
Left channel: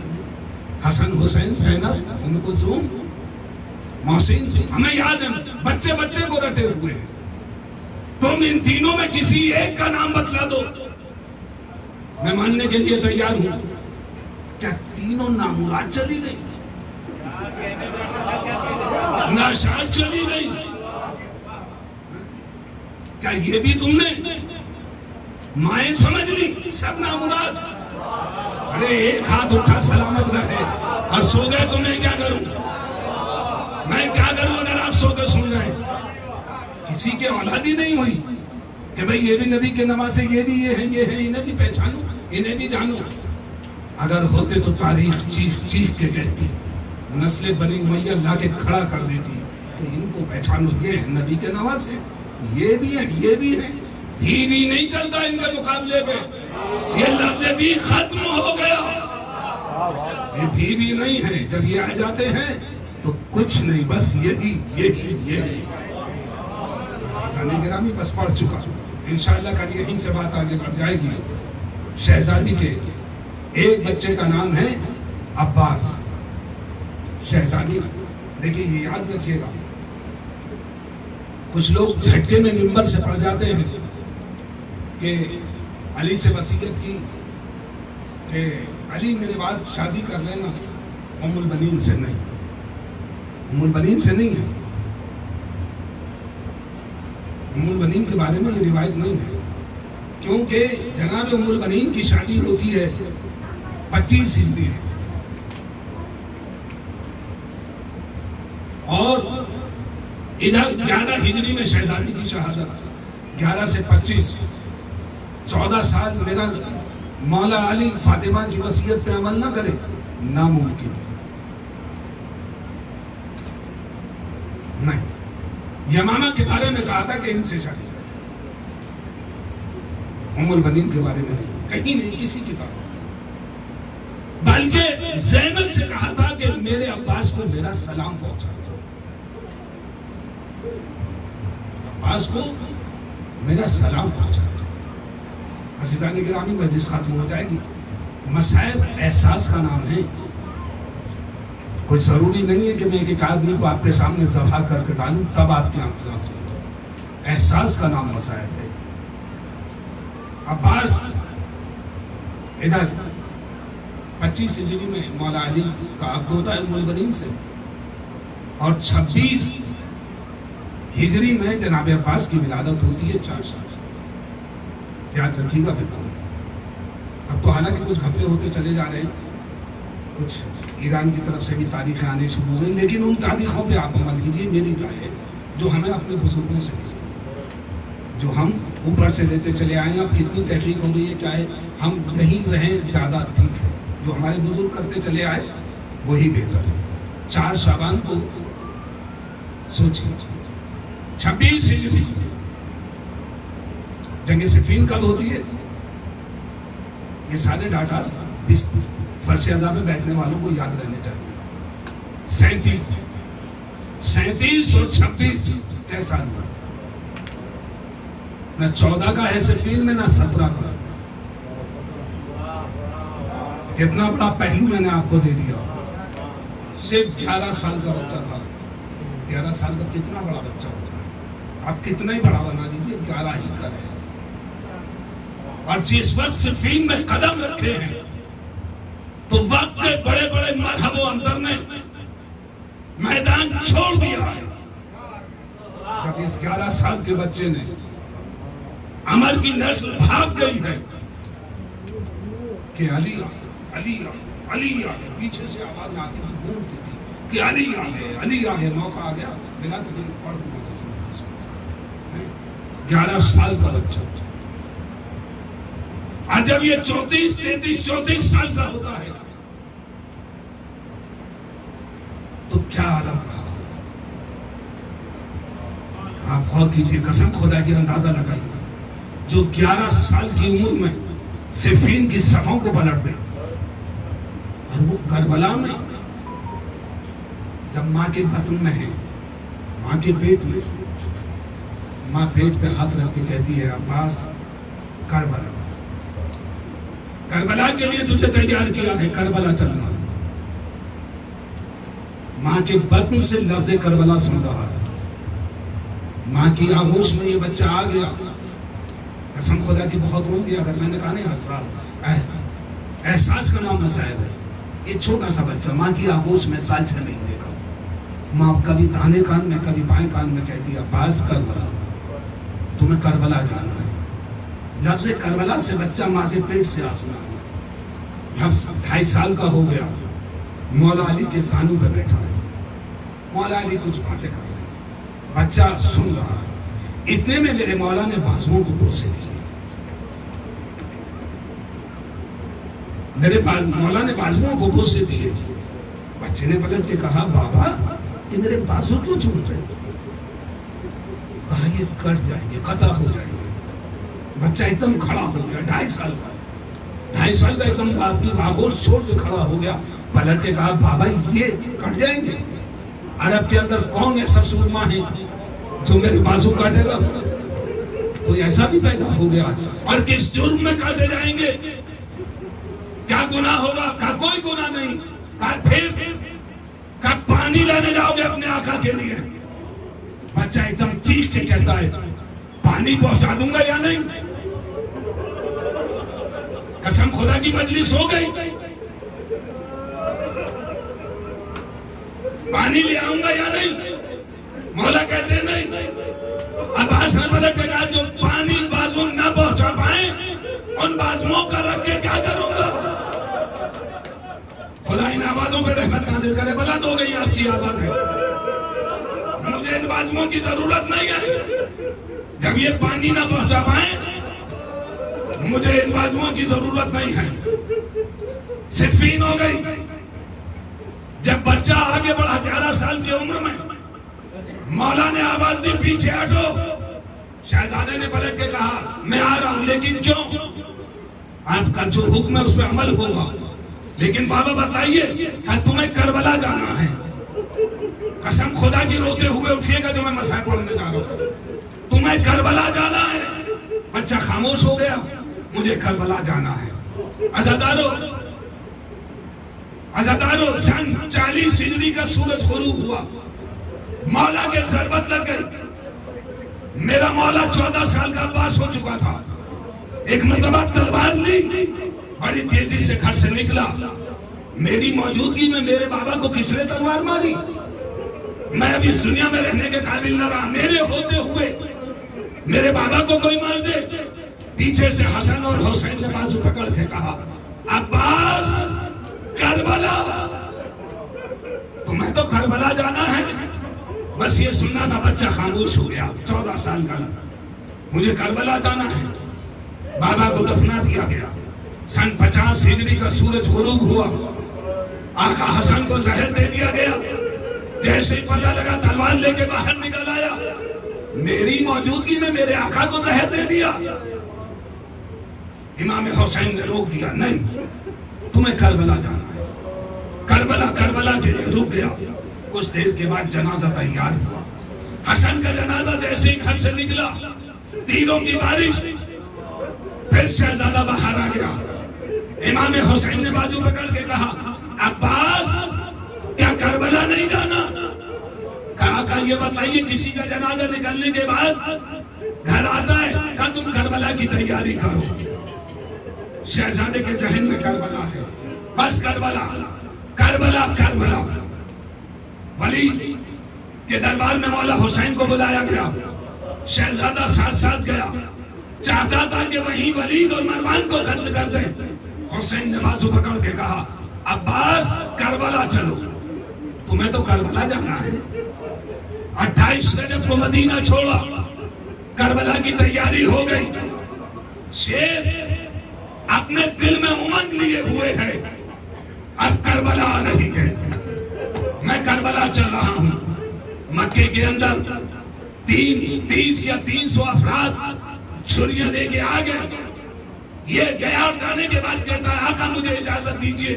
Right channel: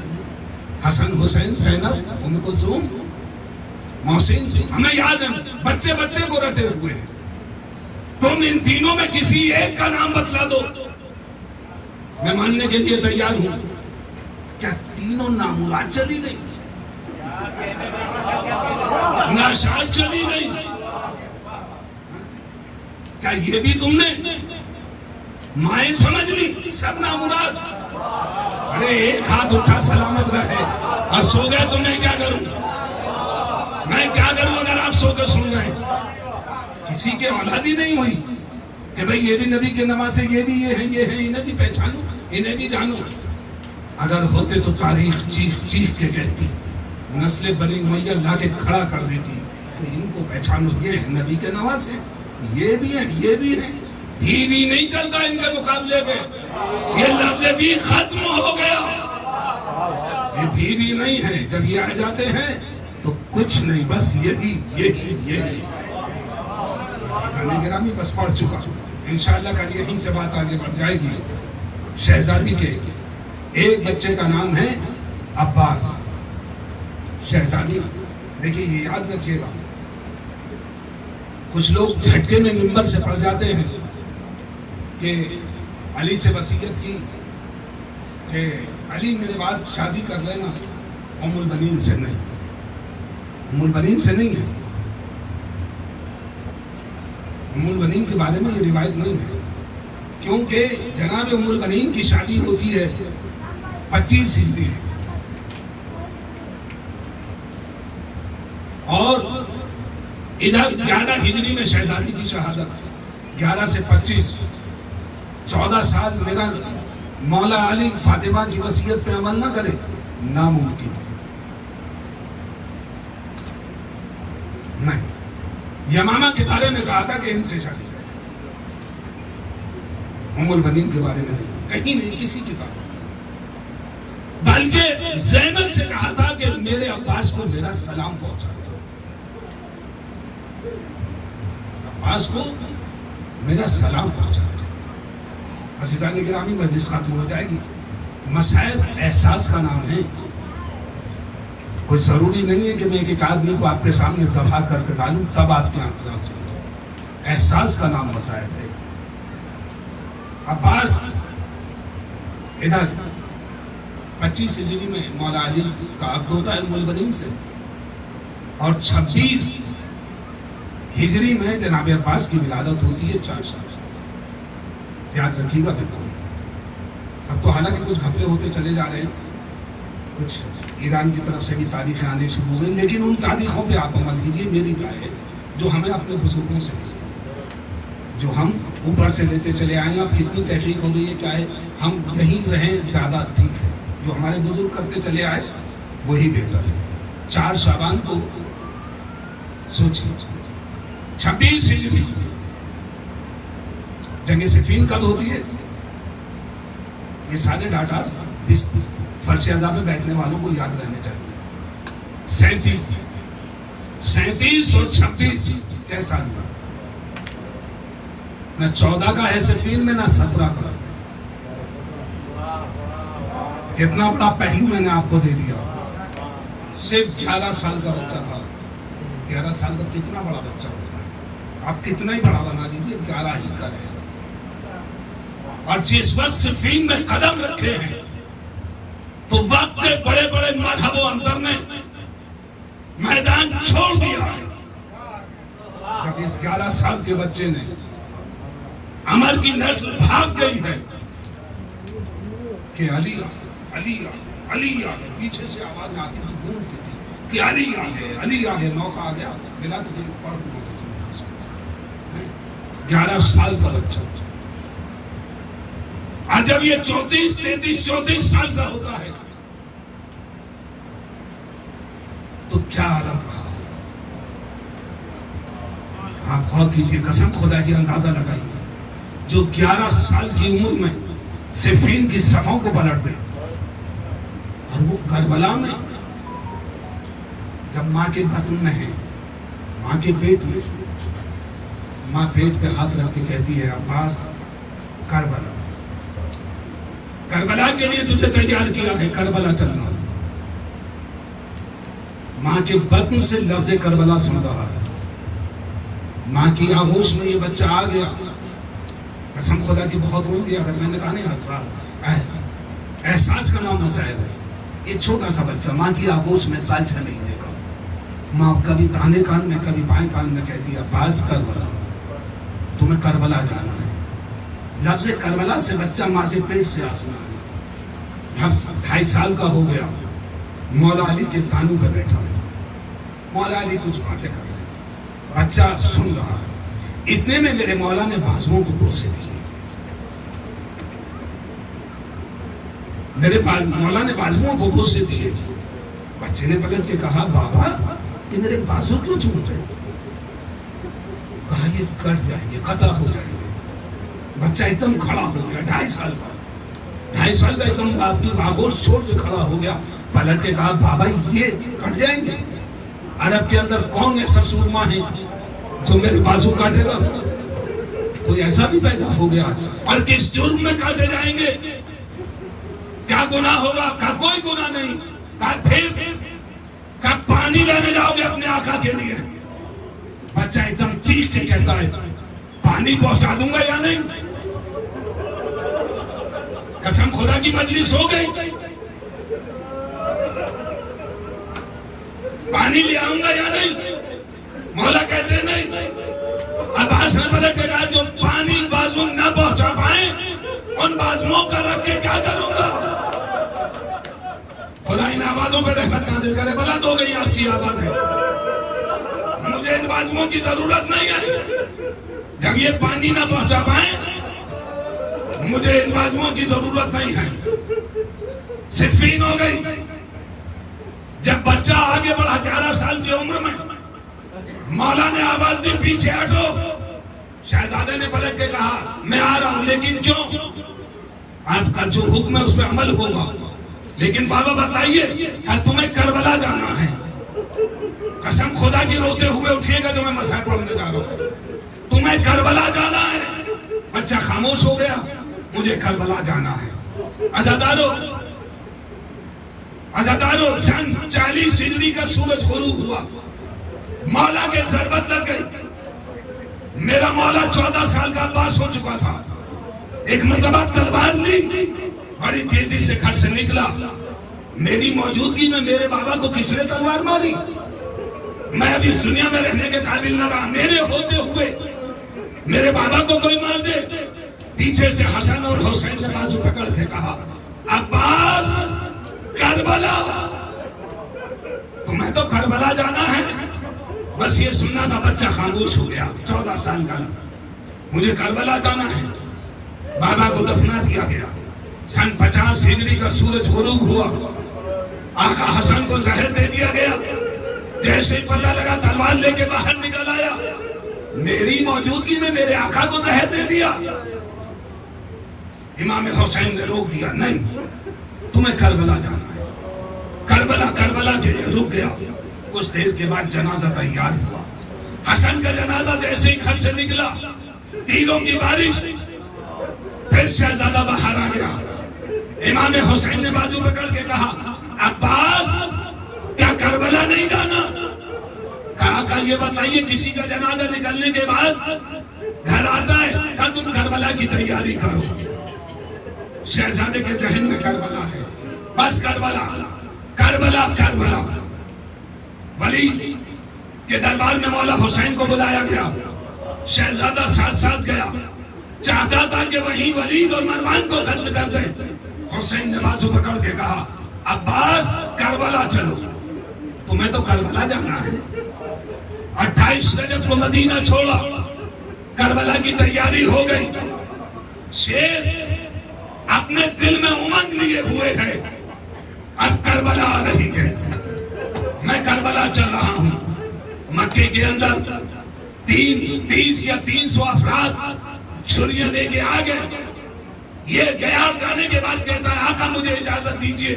حسن، حسین، زینب، ام کلثوم، محسن، ہمیں یاد ہے. بچے بچے کو رٹے ہوئے ہیں. تم ان تینوں میں کسی ایک کا نام بتلا دو، میں ماننے کے لیے تیار ہوں. کیا تینوں نامراد چلی گئی؟ ناشاد چلی گئی؟ کیا یہ بھی تم نے مائیں سمجھ لی؟ سب نامراد. ارے ایک ہاتھ اٹھا سلامت رہے اور سو گئے تو میں کیا کروں؟ میں کیا کروں اگر آپ سو کے سن جائیں؟ کسی کے اولاد ہی نہیں ہوئی کہ بھئی یہ بھی نبی کے نواسے، یہ بھی یہ ہے، یہ ہے، انہیں بھی پہچانو، انہیں بھی جانو. اگر ہوتے تو تاریخ چیخ چیخ کے کہتی، نسل بنی امیہ لا کے کھڑا کر دیتی کہ ان کو پہچانو، یہ ہے نبی کے نواسے، یہ بھی ہیں، یہ بھی ہیں. بھی نہیں چلتا ان کے مقابلے پہ. یہ لفظ بھی ختم ہو گیا. یہ بھی نہیں ہے. جب یہ آ جاتے ہیں تو کچھ نہیں، بس یہ بھی، یہ گرامی بس پڑھ چکا. انشاءاللہ کل یہیں سے بات آگے بڑھ جائے گی. شہزادی کے ایک بچے کا نام ہے عباس. شہزادی دیکھیے، یہ یاد رکھیے گا. کچھ لوگ جھٹکے میں منبر سے پڑھ جاتے ہیں کہ علی سے وصیت کی کہ علی میرے بعد شادی کر لینا. ام البنین سے نہیں، ام البنین سے نہیں ہے. ام البنین کے بارے میں یہ روایت نہیں ہے، کیونکہ جناب ام البنین کی شادی ہوتی ہے 25 ہجری میں، اور ادھر 11 ہجری میں شہزادی کی شہادت. 11 سے 25 14 سال میرا مولا علی فاطمہ کی وصیت پہ عمل نہ کرے، ناممکن نہیں. یمامہ کے بارے میں کہا تھا کہ ان سے شادی کرے، ام البنین کے بارے میں نہیں، کہیں نہیں، کسی کی بات نہیں. بلکہ زینب سے کہا تھا کہ میرے عباس کو میرا سلام پہنچا دے. عباس کو میرا سلام پہنچا دے. عزیزان گرامی، مجلس ختم ہو جائے گی. مسائل احساس کا نام ہے. کوئی ضروری نہیں ہے کہ میں ایک آدمی کو آپ کے سامنے ذبح کر کے ڈالوں تب آپ کی آنکھ سے آنسو. احساس کا نام مسائل ہے. عباس ادھر 25 ہجری میں مولا علی کا عقد ہوتا ہے ام البنین سے, اور 26 ہجری میں جناب عباس کی ولادت ہوتی ہے 4 سال. یاد رکھیے گا بالکل. اب تو حالانکہ کچھ گھپلے ہوتے چلے جا رہے ہیں, کچھ ایران کی طرف سے بھی تاریخیں آنے شروع ہوئی, لیکن ان تاریخوں پہ آپ عمل کیجیے. میری رائے ہے جو ہمیں اپنے بزرگوں سے ملی, جو ہم اوپر سے لیتے چلے آئے ہیں. اب کتنی تحقیق ہو گئی ہے, چاہے ہم یہیں رہیں زیادہ ٹھیک ہے. جو ہمارے بزرگ کرتے چلے آئے وہی بہتر ہے. 4 شعبان کو سوچیے, 26 ہجری جنگ صفین کب ہوتی ہے؟ یہ سارے ڈاٹاز فرش ادا میں بیٹھنے والوں کو یاد رہنے چاہیے. 37 اور 26 کیسا ہوا؟ نہ 14 کا ہے صفین میں, نہ 17 کا. کتنا بڑا پہلو میں نے آپ کو دے دیا. صرف 11 سال کا بچہ تھا. 11 سال کا کتنا بڑا بچہ ہوتا ہے؟ آپ کتنا ہی بڑا بنا لیجیے, 11 ہی کا رہے. اور جس وقت صفین میں قدم رکھے ہیں تو وقت کے بڑے بڑے مرحب و اندر نے میدان چھوڑ دیا ہے. جب اس 11 سال کے بچے نے عمر کی نسل بھاگ گئی ہے کہ علی علی علی آگے, پیچھے سے آواز آتی تھی, گونجتی تھی کہ علی آگے علی آگے. موقع آ گیا, ملا تو کوئی پڑھ دوں کسی میں. 11 سال کا بچہ. آج جب یہ 34 33 34 سال کا ہوتا ہے تو کیا عالم رہا ہوگا. آپ غور کیجیے, قسم خدا کی اندازہ لگائیے. جو 11 سال کی عمر میں صفین کی صفوں کو پلٹ گئے, اور وہ کربلا میں جب ماں کے بطن میں ہے, ماں کے پیٹ میں, ماں پیٹ پہ ہاتھ رکھ کے کہتی ہے عباس کربلا, کربلا کے لیے تجھے تیار کیا ہے, کربلا چلنا. ماں کے بطن سے لفظ کربلا سن رہا ہے. ماں کی آغوش میں یہ بچہ آ گیا. قسم خدا کی بہت رو گیا. اگر میں نے کہا نہیں, احساس کا نام مسائل ہے. ایک چھوٹا سا بچہ ماں کی آغوش میں سال 6 مہینے کا, ماں کبھی دانے کان میں کبھی بائیں کان میں کہتی ہے عباس کربلا, تمہیں کربلا جانا ہے. لفظ کربلا سے بچہ ماں کے پیٹ سے آسنا ہے. جب 2.5 سال کا ہو گیا, مولا علی کے سانی پہ بیٹھا ہے. مولا علی کچھ باتیں کر رہے ہیں, بچہ سن رہا ہے. اتنے میں میرے مولا نے بازوؤں کو بوسے دیے. میرے مولا نے بازوؤں کو بوسے دیے. بچے نے پلٹ کے کہا بابا کہ میرے بازو کیوں چومتے ہیں؟ کہا یہ کٹ جائیں گے, قطع ہو جائیں گے. بچہ ایک دم کھڑا ہو گیا. 2.5 سال کا, 2.5 سال کا ایک دم آپ کی آغوش چھوڑ کے کھڑا ہو گیا. پلٹ کے کہا بابا یہ کٹ جائیں گے؟ عرب کے اندر کون ایسا سورما ہے جو میرے بازو کاٹے گا؟ کوئی ایسا بھی پیدا ہو گیا. اور کس جرم میں کاٹے جائیں گے؟ کیا گناہ ہوگا؟ کہا کوئی گناہ نہیں. کہا پھر کہا پانی لینے جاؤ گے اپنے آقا کے لیے؟ بچہ ایک دم چیخ کے کہتا ہے پانی پہنچا دوں گا یا نہیں. قسم خدا کی مجلس ہو گئی. پانی لے آؤں گا یا نہیں؟ مولا کہتے نہیں. عباس نے پلٹ کے کہا جو پانی بازو نہ پہنچا پائیں ان بازوؤں کا رکھ کے کیا کروں گا؟ خدا ان آوازوں پہ رحمت نازل کرے. بلند ہو گئی آپ کی آوازیں. مجھے ان بازوؤں کی ضرورت نہیں ہے. جب یہ پانی نہ پہنچا پائیں مجھے ان بازوؤں کی ضرورت نہیں ہے. صفین ہو گئی. جب بچہ آگے بڑھا 11 سال کی عمر میں, مولا نے آواز دی پیچھے ہٹو. شہزادے نے پلٹ کے کہا میں آ رہا ہوں, لیکن کیوں؟ آپ کا جو حکم ہے اس پہ عمل ہوگا. لیکن بابا بتائیے تمہیں کربلا جانا ہے. قسم خدا کی روتے ہوئے اٹھیے گا جو میں مسائل پڑھنے جا رہا ہوں. تمہیں کربلا جانا ہے. بچہ خاموش ہو گیا. مجھے کربلا جانا ہے. عزادارو سن 40 ہجری کا سورج غروب ہوا. مولا کے ضربت لگ گئی. میرا مولا 14 سال کا عباس ہو چکا تھا. ایک مرتبہ تلوار لی, بڑی تیزی سے گھر سے نکلا. میری موجودگی میں میرے بابا کو کس نے تلوار ماری؟ میں اب اس دنیا میں رہنے کے قابل نہ رہا. میرے ہوتے ہوئے میرے بابا کو کوئی مار دے. پیچھے سے حسن اور حسین سے بازو پکڑ کے کہا, عباس کربلا. تمہیں تو کربلا جانا ہے. بس یہ سننا تھا, بچہ خاموش ہو گیا. 14 سال کا, مجھے کربلا جانا ہے. بابا کو دفنا دیا گیا. سن 50 ہجری کا سورج غروب ہوا. آقا حسن کو زہر دے دیا گیا. جیسے ہی پتہ لگا تلوار لے کے باہر نکل آیا. میری موجودگی میں میرے آقا کو زہر دے دیا. امام حسین نے روک دیا, نہیں تمہیں کربلا جانا ہے. کربلا کربلا رک گیا. کچھ دیر کے بعد جنازہ تیار ہوا. حسن کا جنازہ جیسے ہی گھر سے نکلا, تیروں کی بارش. پھر شہزادہ باہر آ گیا. امام حسین نے بازو پکڑ کے کہا, عباس کیا کربلا نہیں جانا؟ کہا کہ یہ بتائیے, کسی کا جنازہ نکلنے کے بعد گھر آتا ہے کہ تم کربلا کی تیاری کرو. شہزادے کے ذہن میں کربلا ہے. بس کربلا کربلا کربلا. ولید کے دربار میں مولا حسین کو بلایا گیا. شہزادہ ساتھ ساتھ گیا. چاہتا تھا کہ وہیں ولید اور مروان کو قتل کر دے. حسین نے بازو پکڑ کے کہا, عباس کربلا چلو. تمہیں تو کربلا جانا ہے. 28 رجب کو مدینہ چھوڑا. کربلا کی تیاری ہو گئی. شیر اپنے دل میں امنگ لیے ہوئے ہے, اب کربلا آ رہی ہے. میں کربلا چل رہا ہوں. مکے کے اندر 30 یا 300 افراد چھریاں لے کے آ گئے. یہ گیا جانے کے بعد کہتا ہے, آقا مجھے اجازت دیجیے,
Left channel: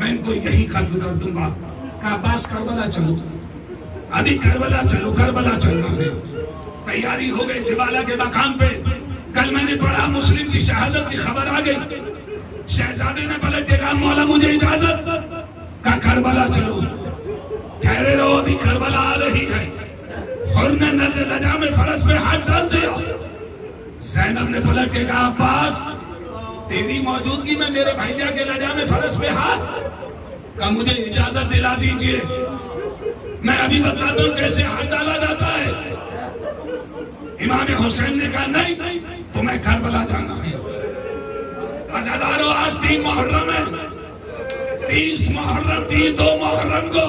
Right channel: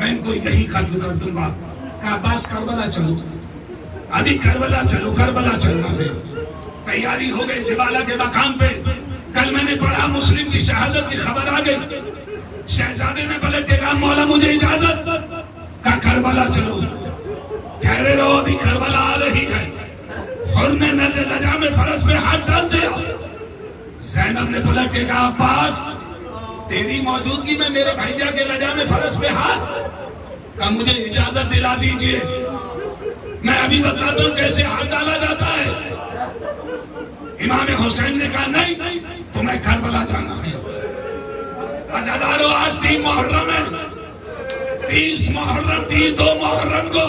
میں ان کو یہی قتل کر دوں گا. کہا عباس کربلا چلو, ابھی کربلا چلو. کربلا چل رہا ہے. تیاری ہو گئی زبالہ کے مقام پہ. کل میں نے پڑھا مسلم کی شہادت کی خبر آ گئی. شہزادے نے پلٹ کے کہا, مولا مجھے اجازت. کہا کربلا چلو. ٹھہرے رہو, ابھی کربلا آ رہی ہے. حر نے نظر لجا میں فرس پہ ہاتھ ڈال دیا. زینب نے پلٹ کے کہا, عباس تیری موجودگی میں میرے بھائیا کے لجا میں فرس پہ ہاتھ. کہا مجھے اجازت دلا دیجئے, میں ابھی بتاتا ہوں کیسے ہاتھ ڈالا جاتا ہے. امام حسین نے کہا, نہیں تمہیں کربلا جانا ہے. عزادارو, آج 3 محرم ہے. 30 محرم 2 محرم کو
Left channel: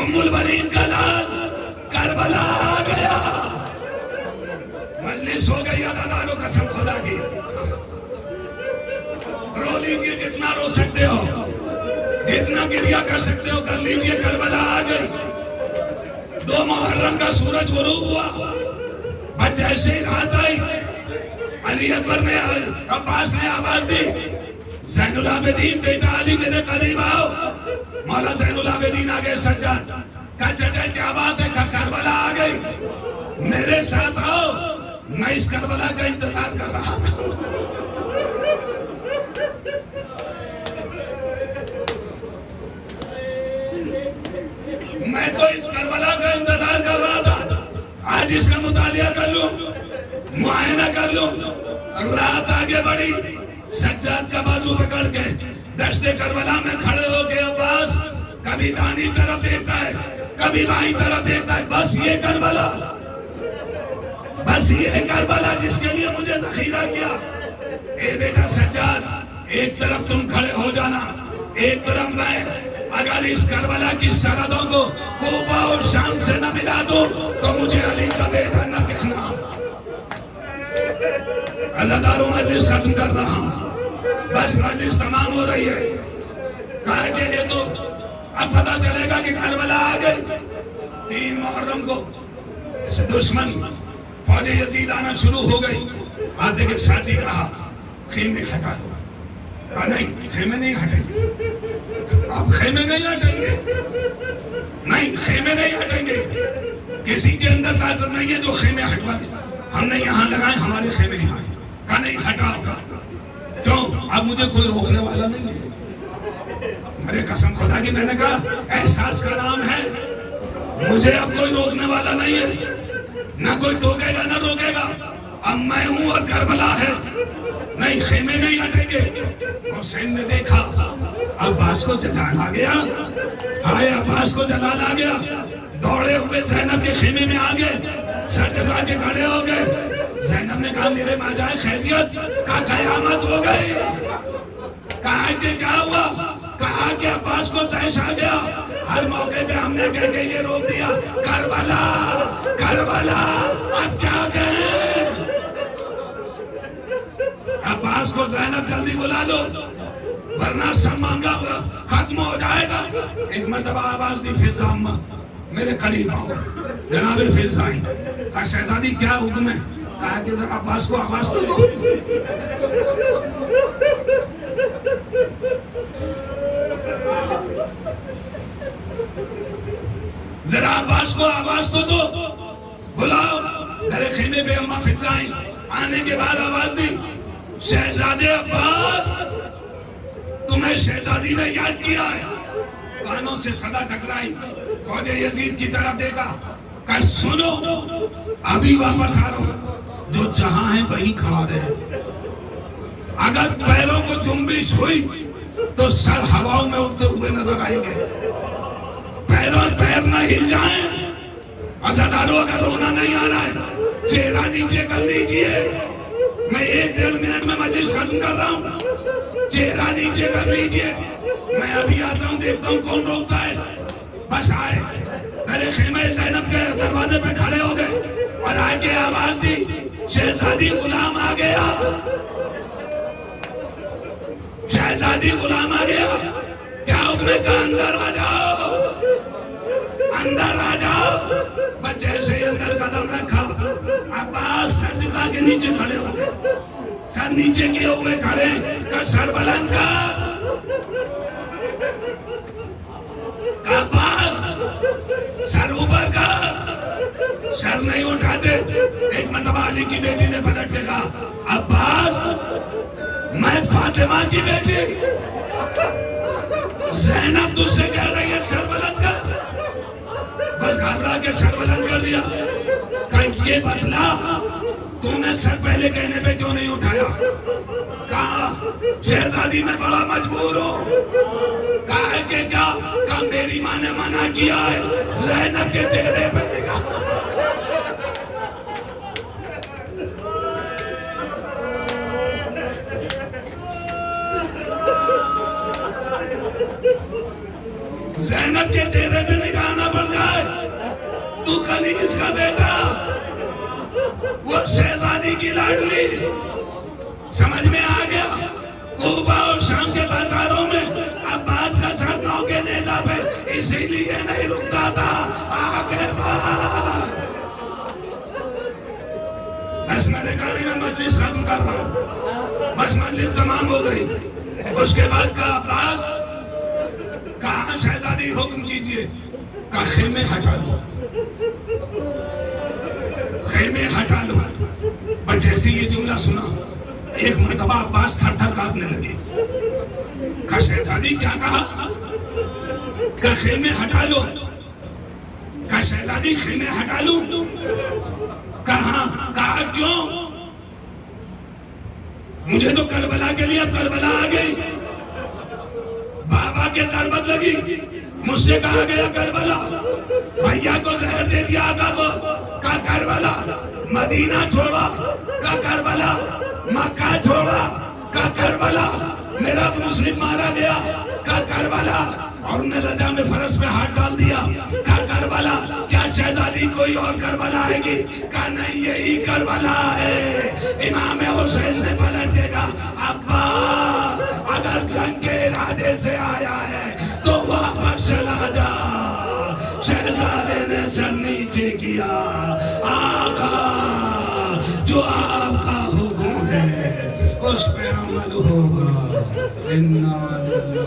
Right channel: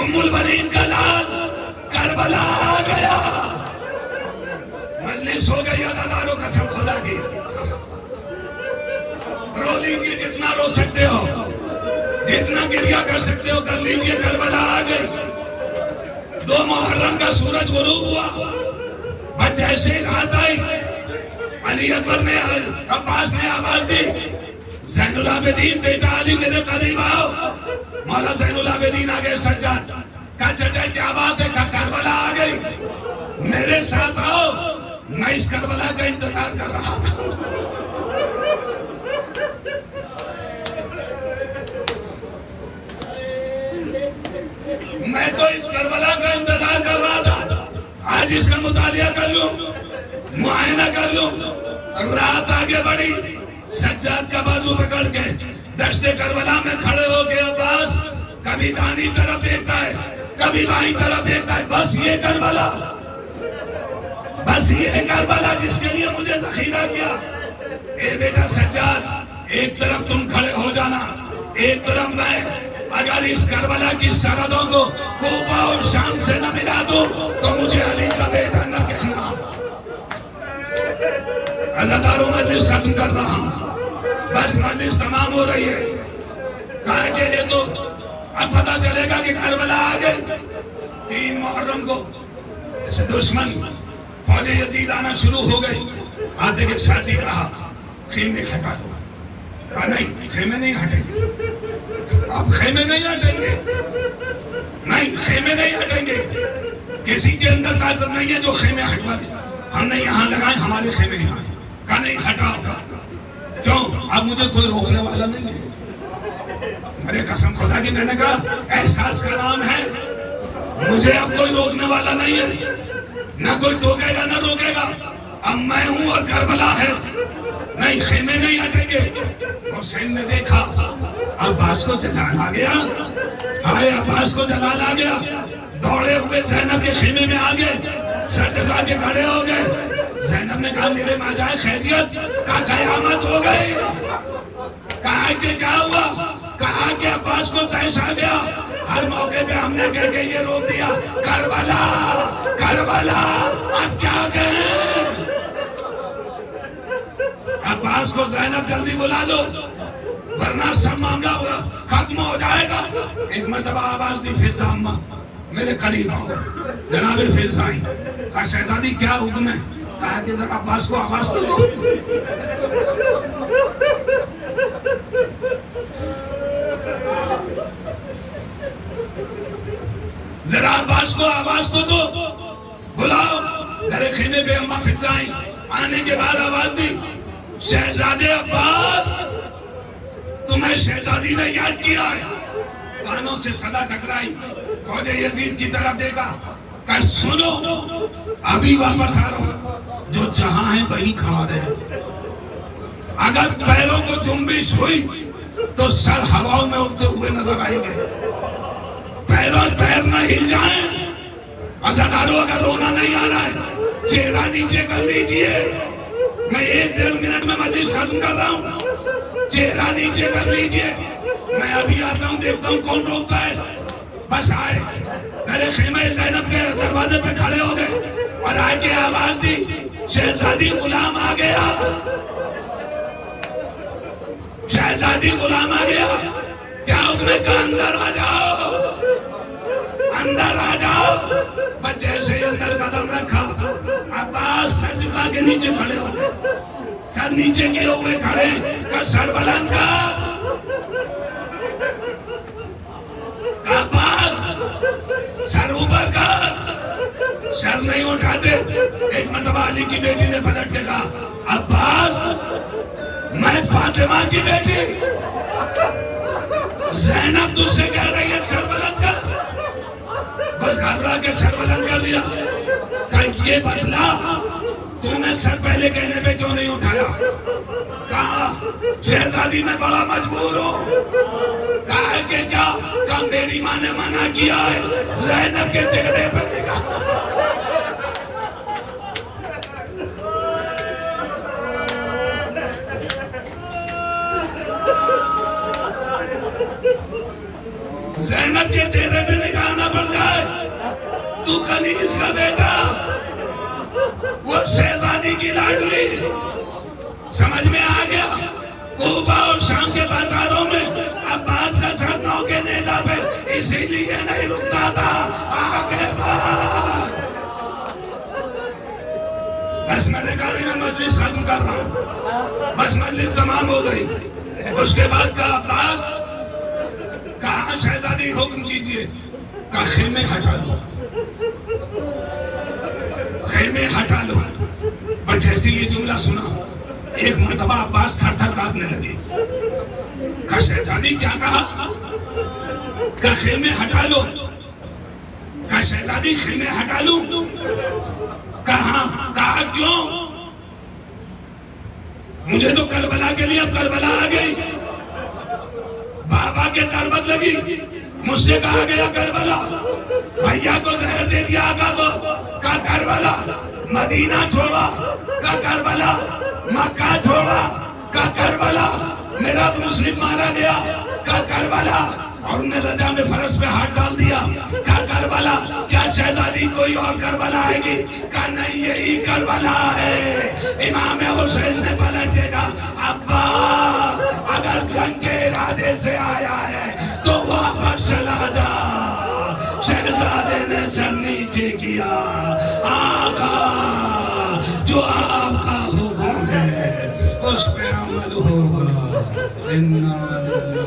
ام البنین کا لال کربلا آ گیا. مجلس ہو گئی عزادارو, قسم خدا کی. رو لیجئے جتنا رو سکتے ہو, جتنا گریہ کر سکتے ہو کر لیجئے. کربلا آ گئی. 2 محرم کا سورج غروب ہوا. بس جیسے رات آئی, علی اکبر نے عباس نے آواز دی, زین العابدین بیٹا علی میرے قریب آؤ. مولا زین العابدین آ گئے. سجاد کہا, چچا کیا بات ہے؟ کہا کربلا آ گئی, میرے ساتھ آؤ. میں اس کربلا کا انتظار کر رہا تھا. میں تو اس کربلا کا انتظار کر رہا تھا. آج اس کا مطالعہ کر لوں, معائنہ کر لوں. رات آگے بڑھی. سجاد کا بازو پکڑ کے دشت کربلا میں کھڑے ہو کے عباس کبھی دانی طرف دیکھتا ہے, کبھی بائیں طرف دیکھتا ہے. بس یہ کربلا, بس یہ کربلا جس کے لیے مجھے ذخیرہ کیا. اے بیٹا سجاد, ایک طرف تم کھڑے ہو جانا, ایک طرف میں. اگر اس کربلا کی سرحدوں کو کوفہ اور شام سے نہ ملا دوں تو مجھے علی کا بیٹا نہ کہنا. عزاداروں, مجلس ختم کر رہا ہوں. بس مجلس تمام ہو رہی ہے. کہا کہ یہ تو اب پتا چلے گا کہ کربلا آ گئی. 3 محرم کو دشمن فوج یزید آنا شروع ہو گئی. آتے کے ساتھی کہا, خیمے ہٹا دو. کہا نہیں, خیمے نہیں ہٹیں گے. آپ خیمے نہیں ہٹیں گے؟ نہیں, خیمے نہیں ہٹیں گے. کسی کے اندر طاقت نہیں ہے جو خیمے ہٹوا دے. ہم نے یہاں لگائے, ہمارے خیمے یہاں. کہا نہیں, ہٹاؤ. کیوں؟ اب مجھے کوئی روکنے والا نہیں ہے. ارے قسم خدا کی, میں نے کہا احساس کا نام ہے, مجھے اب کوئی روکنے والا نہیں ہے. نہ کوئی ٹوکے گا نہ روکے گا. اب میں ہوں اور کربلا ہے, نہیں خیمے نہیں ہٹیں گے. حسین نے دیکھا عباس کو جلال آ گیا, آئے عباس کو جلال آ گیا, دوڑے ہوئے زینب کے خیمے میں آ گئے, سر جھکا کے کھڑے ہو گئے. زینب نے کہا میرے ماں جائے خیریت, کہا قیامت ہو گئی. کہا کہ کیا ہوا, کہا کہ عباس کو طیش آ گیا. ہر موقع پہ ہم نے کہہ کے یہ روک دیا کربلا کربلا, اب کیا کہیں. عباس کو زینب جلدی بلا دو ورنہ سب معاملہ ختم ہو جائے گا. ایک مرتبہ آواز دی فضا اماں میرے قریب آؤ. جناب فضا آئی, کہا شہزادی کیا حکم ہے. کہا کہ ذرا عباس کو آواز تو دو. ذرا عباس کو آواز تو دو, بلاؤ. در خیمے پہ اماں فضا آئی, آنے کے بعد آواز دی شہزادے عباس تمہیں شہزادی نے یاد کیا ہے. کانوں سے صدا ٹکرائی, فوج یزید کی طرف دیکھا, کہ سنو ابھی واپس آ رہا ہوں, جو جہاں ہے وہی کھڑا رہے. اگر پیروں کو جنبش ہوئی تو سر ہواؤں میں اڑتے ہوئے نظر آئیں گے. پیر نہ ہل جائیں. عزادارو اگر رونا نہیں آ رہا ہے چہرہ نیچے کر لیجئے. میں 1-1.5 منٹ میں مجلس ختم کر رہا ہوں, چہرہ نیچے کر لیجئے. میں ابھی آتا ہوں, دیکھتا ہوں کون روکتا ہے. بس آئے, میرے خیمہ زینب کے دروازے پہ کھڑے ہو گئے اور آئے کے آواز دی شہزادی غلام آ گیا, شہزادی غلام آ گیا. کیا حکم ہے, کہا اندر آ جاؤ, اندر آ جاؤ. بچے سے اندر قدم رکھا. عباس سر جھکا کے نیچے کھڑے ہو گئے, سر نیچے کیے ہوئے کھڑے, کر سر بلند کر. عباس سر اوپر کر. سر نہیں اٹھاتے. ایک مرتبہ علی کی بیٹی نے پلٹ کے کہا عباس میں فاطمہ کی بیٹی زینب تجھ سے کہہ رہی ہے سر بلند کر. بس گھبرا کے سر بلند کر دیا. کہ یہ بدلا تم نے سر پہلے کہنے پہ کیوں نہیں اٹھایا. کہا شہزادی میں بڑا مجبور ہوں. کہا کہ کیا, کہ میری ماں نے منع کیا ہے. زینب کے چہرے پہ دیکھا. زینب کے چہرے پہ نکالنا پڑ جائے. تو خلیج کا بیٹا, وہ شہزادی کی لاڈلی. سمجھ میں آ گیا. کوفہ اور شام کے بازاروں میں عباس کا سر گاؤں کے نیزہ پہ اسی لیے نہیں رکتا تھا. آگے بڑھ. بس میں نے کہا میں مجلس ختم کر رہا ہوں. بس مجلس تمام ہو گئی. اس کے بعد کہا عباس, کہا شہزادی حکم کیجئے. کہا خیمے ہٹا لو, خیمے ہٹا لو. بس جیسے یہ جملہ سنا ایک مرتبہ عباس تھر تھر کانپنے لگے. کہا شہزادی کیا کہا. کہا خیمے ہٹا لو. کہا شہزادی خیمے ہٹا لو. کہا کیوں. مجھے تو کربلا کے لیے اب کربلا آ گئی. بابا کے ضربت لگی, مجھ سے کہا گیا کربلا. بھیا کو زہر دے دیا آقا کو, کہا کربلا. مدینہ چھوڑا, کہا کربلا. مکہ چھوڑا, کہا کربلا. میرا مسلم مارا گیا, کہا کربلا. اور انہیں رجا میں فرس پہ ہاتھ ڈال دیا. کہا کربلا. کیا شہزادی کوئی اور کربلا آئے گی. کہا نہیں یہی کربلا ہے. امام حسین نے پلٹ کے کہا ابا اگر جنگ کے ارادے سے آیا ہے تو واپس چلا جا. شہزادے نے سر نیچے کیا. آقا جو آپ کا حکم ہے اس پہ عمل ہوگا. انا للہ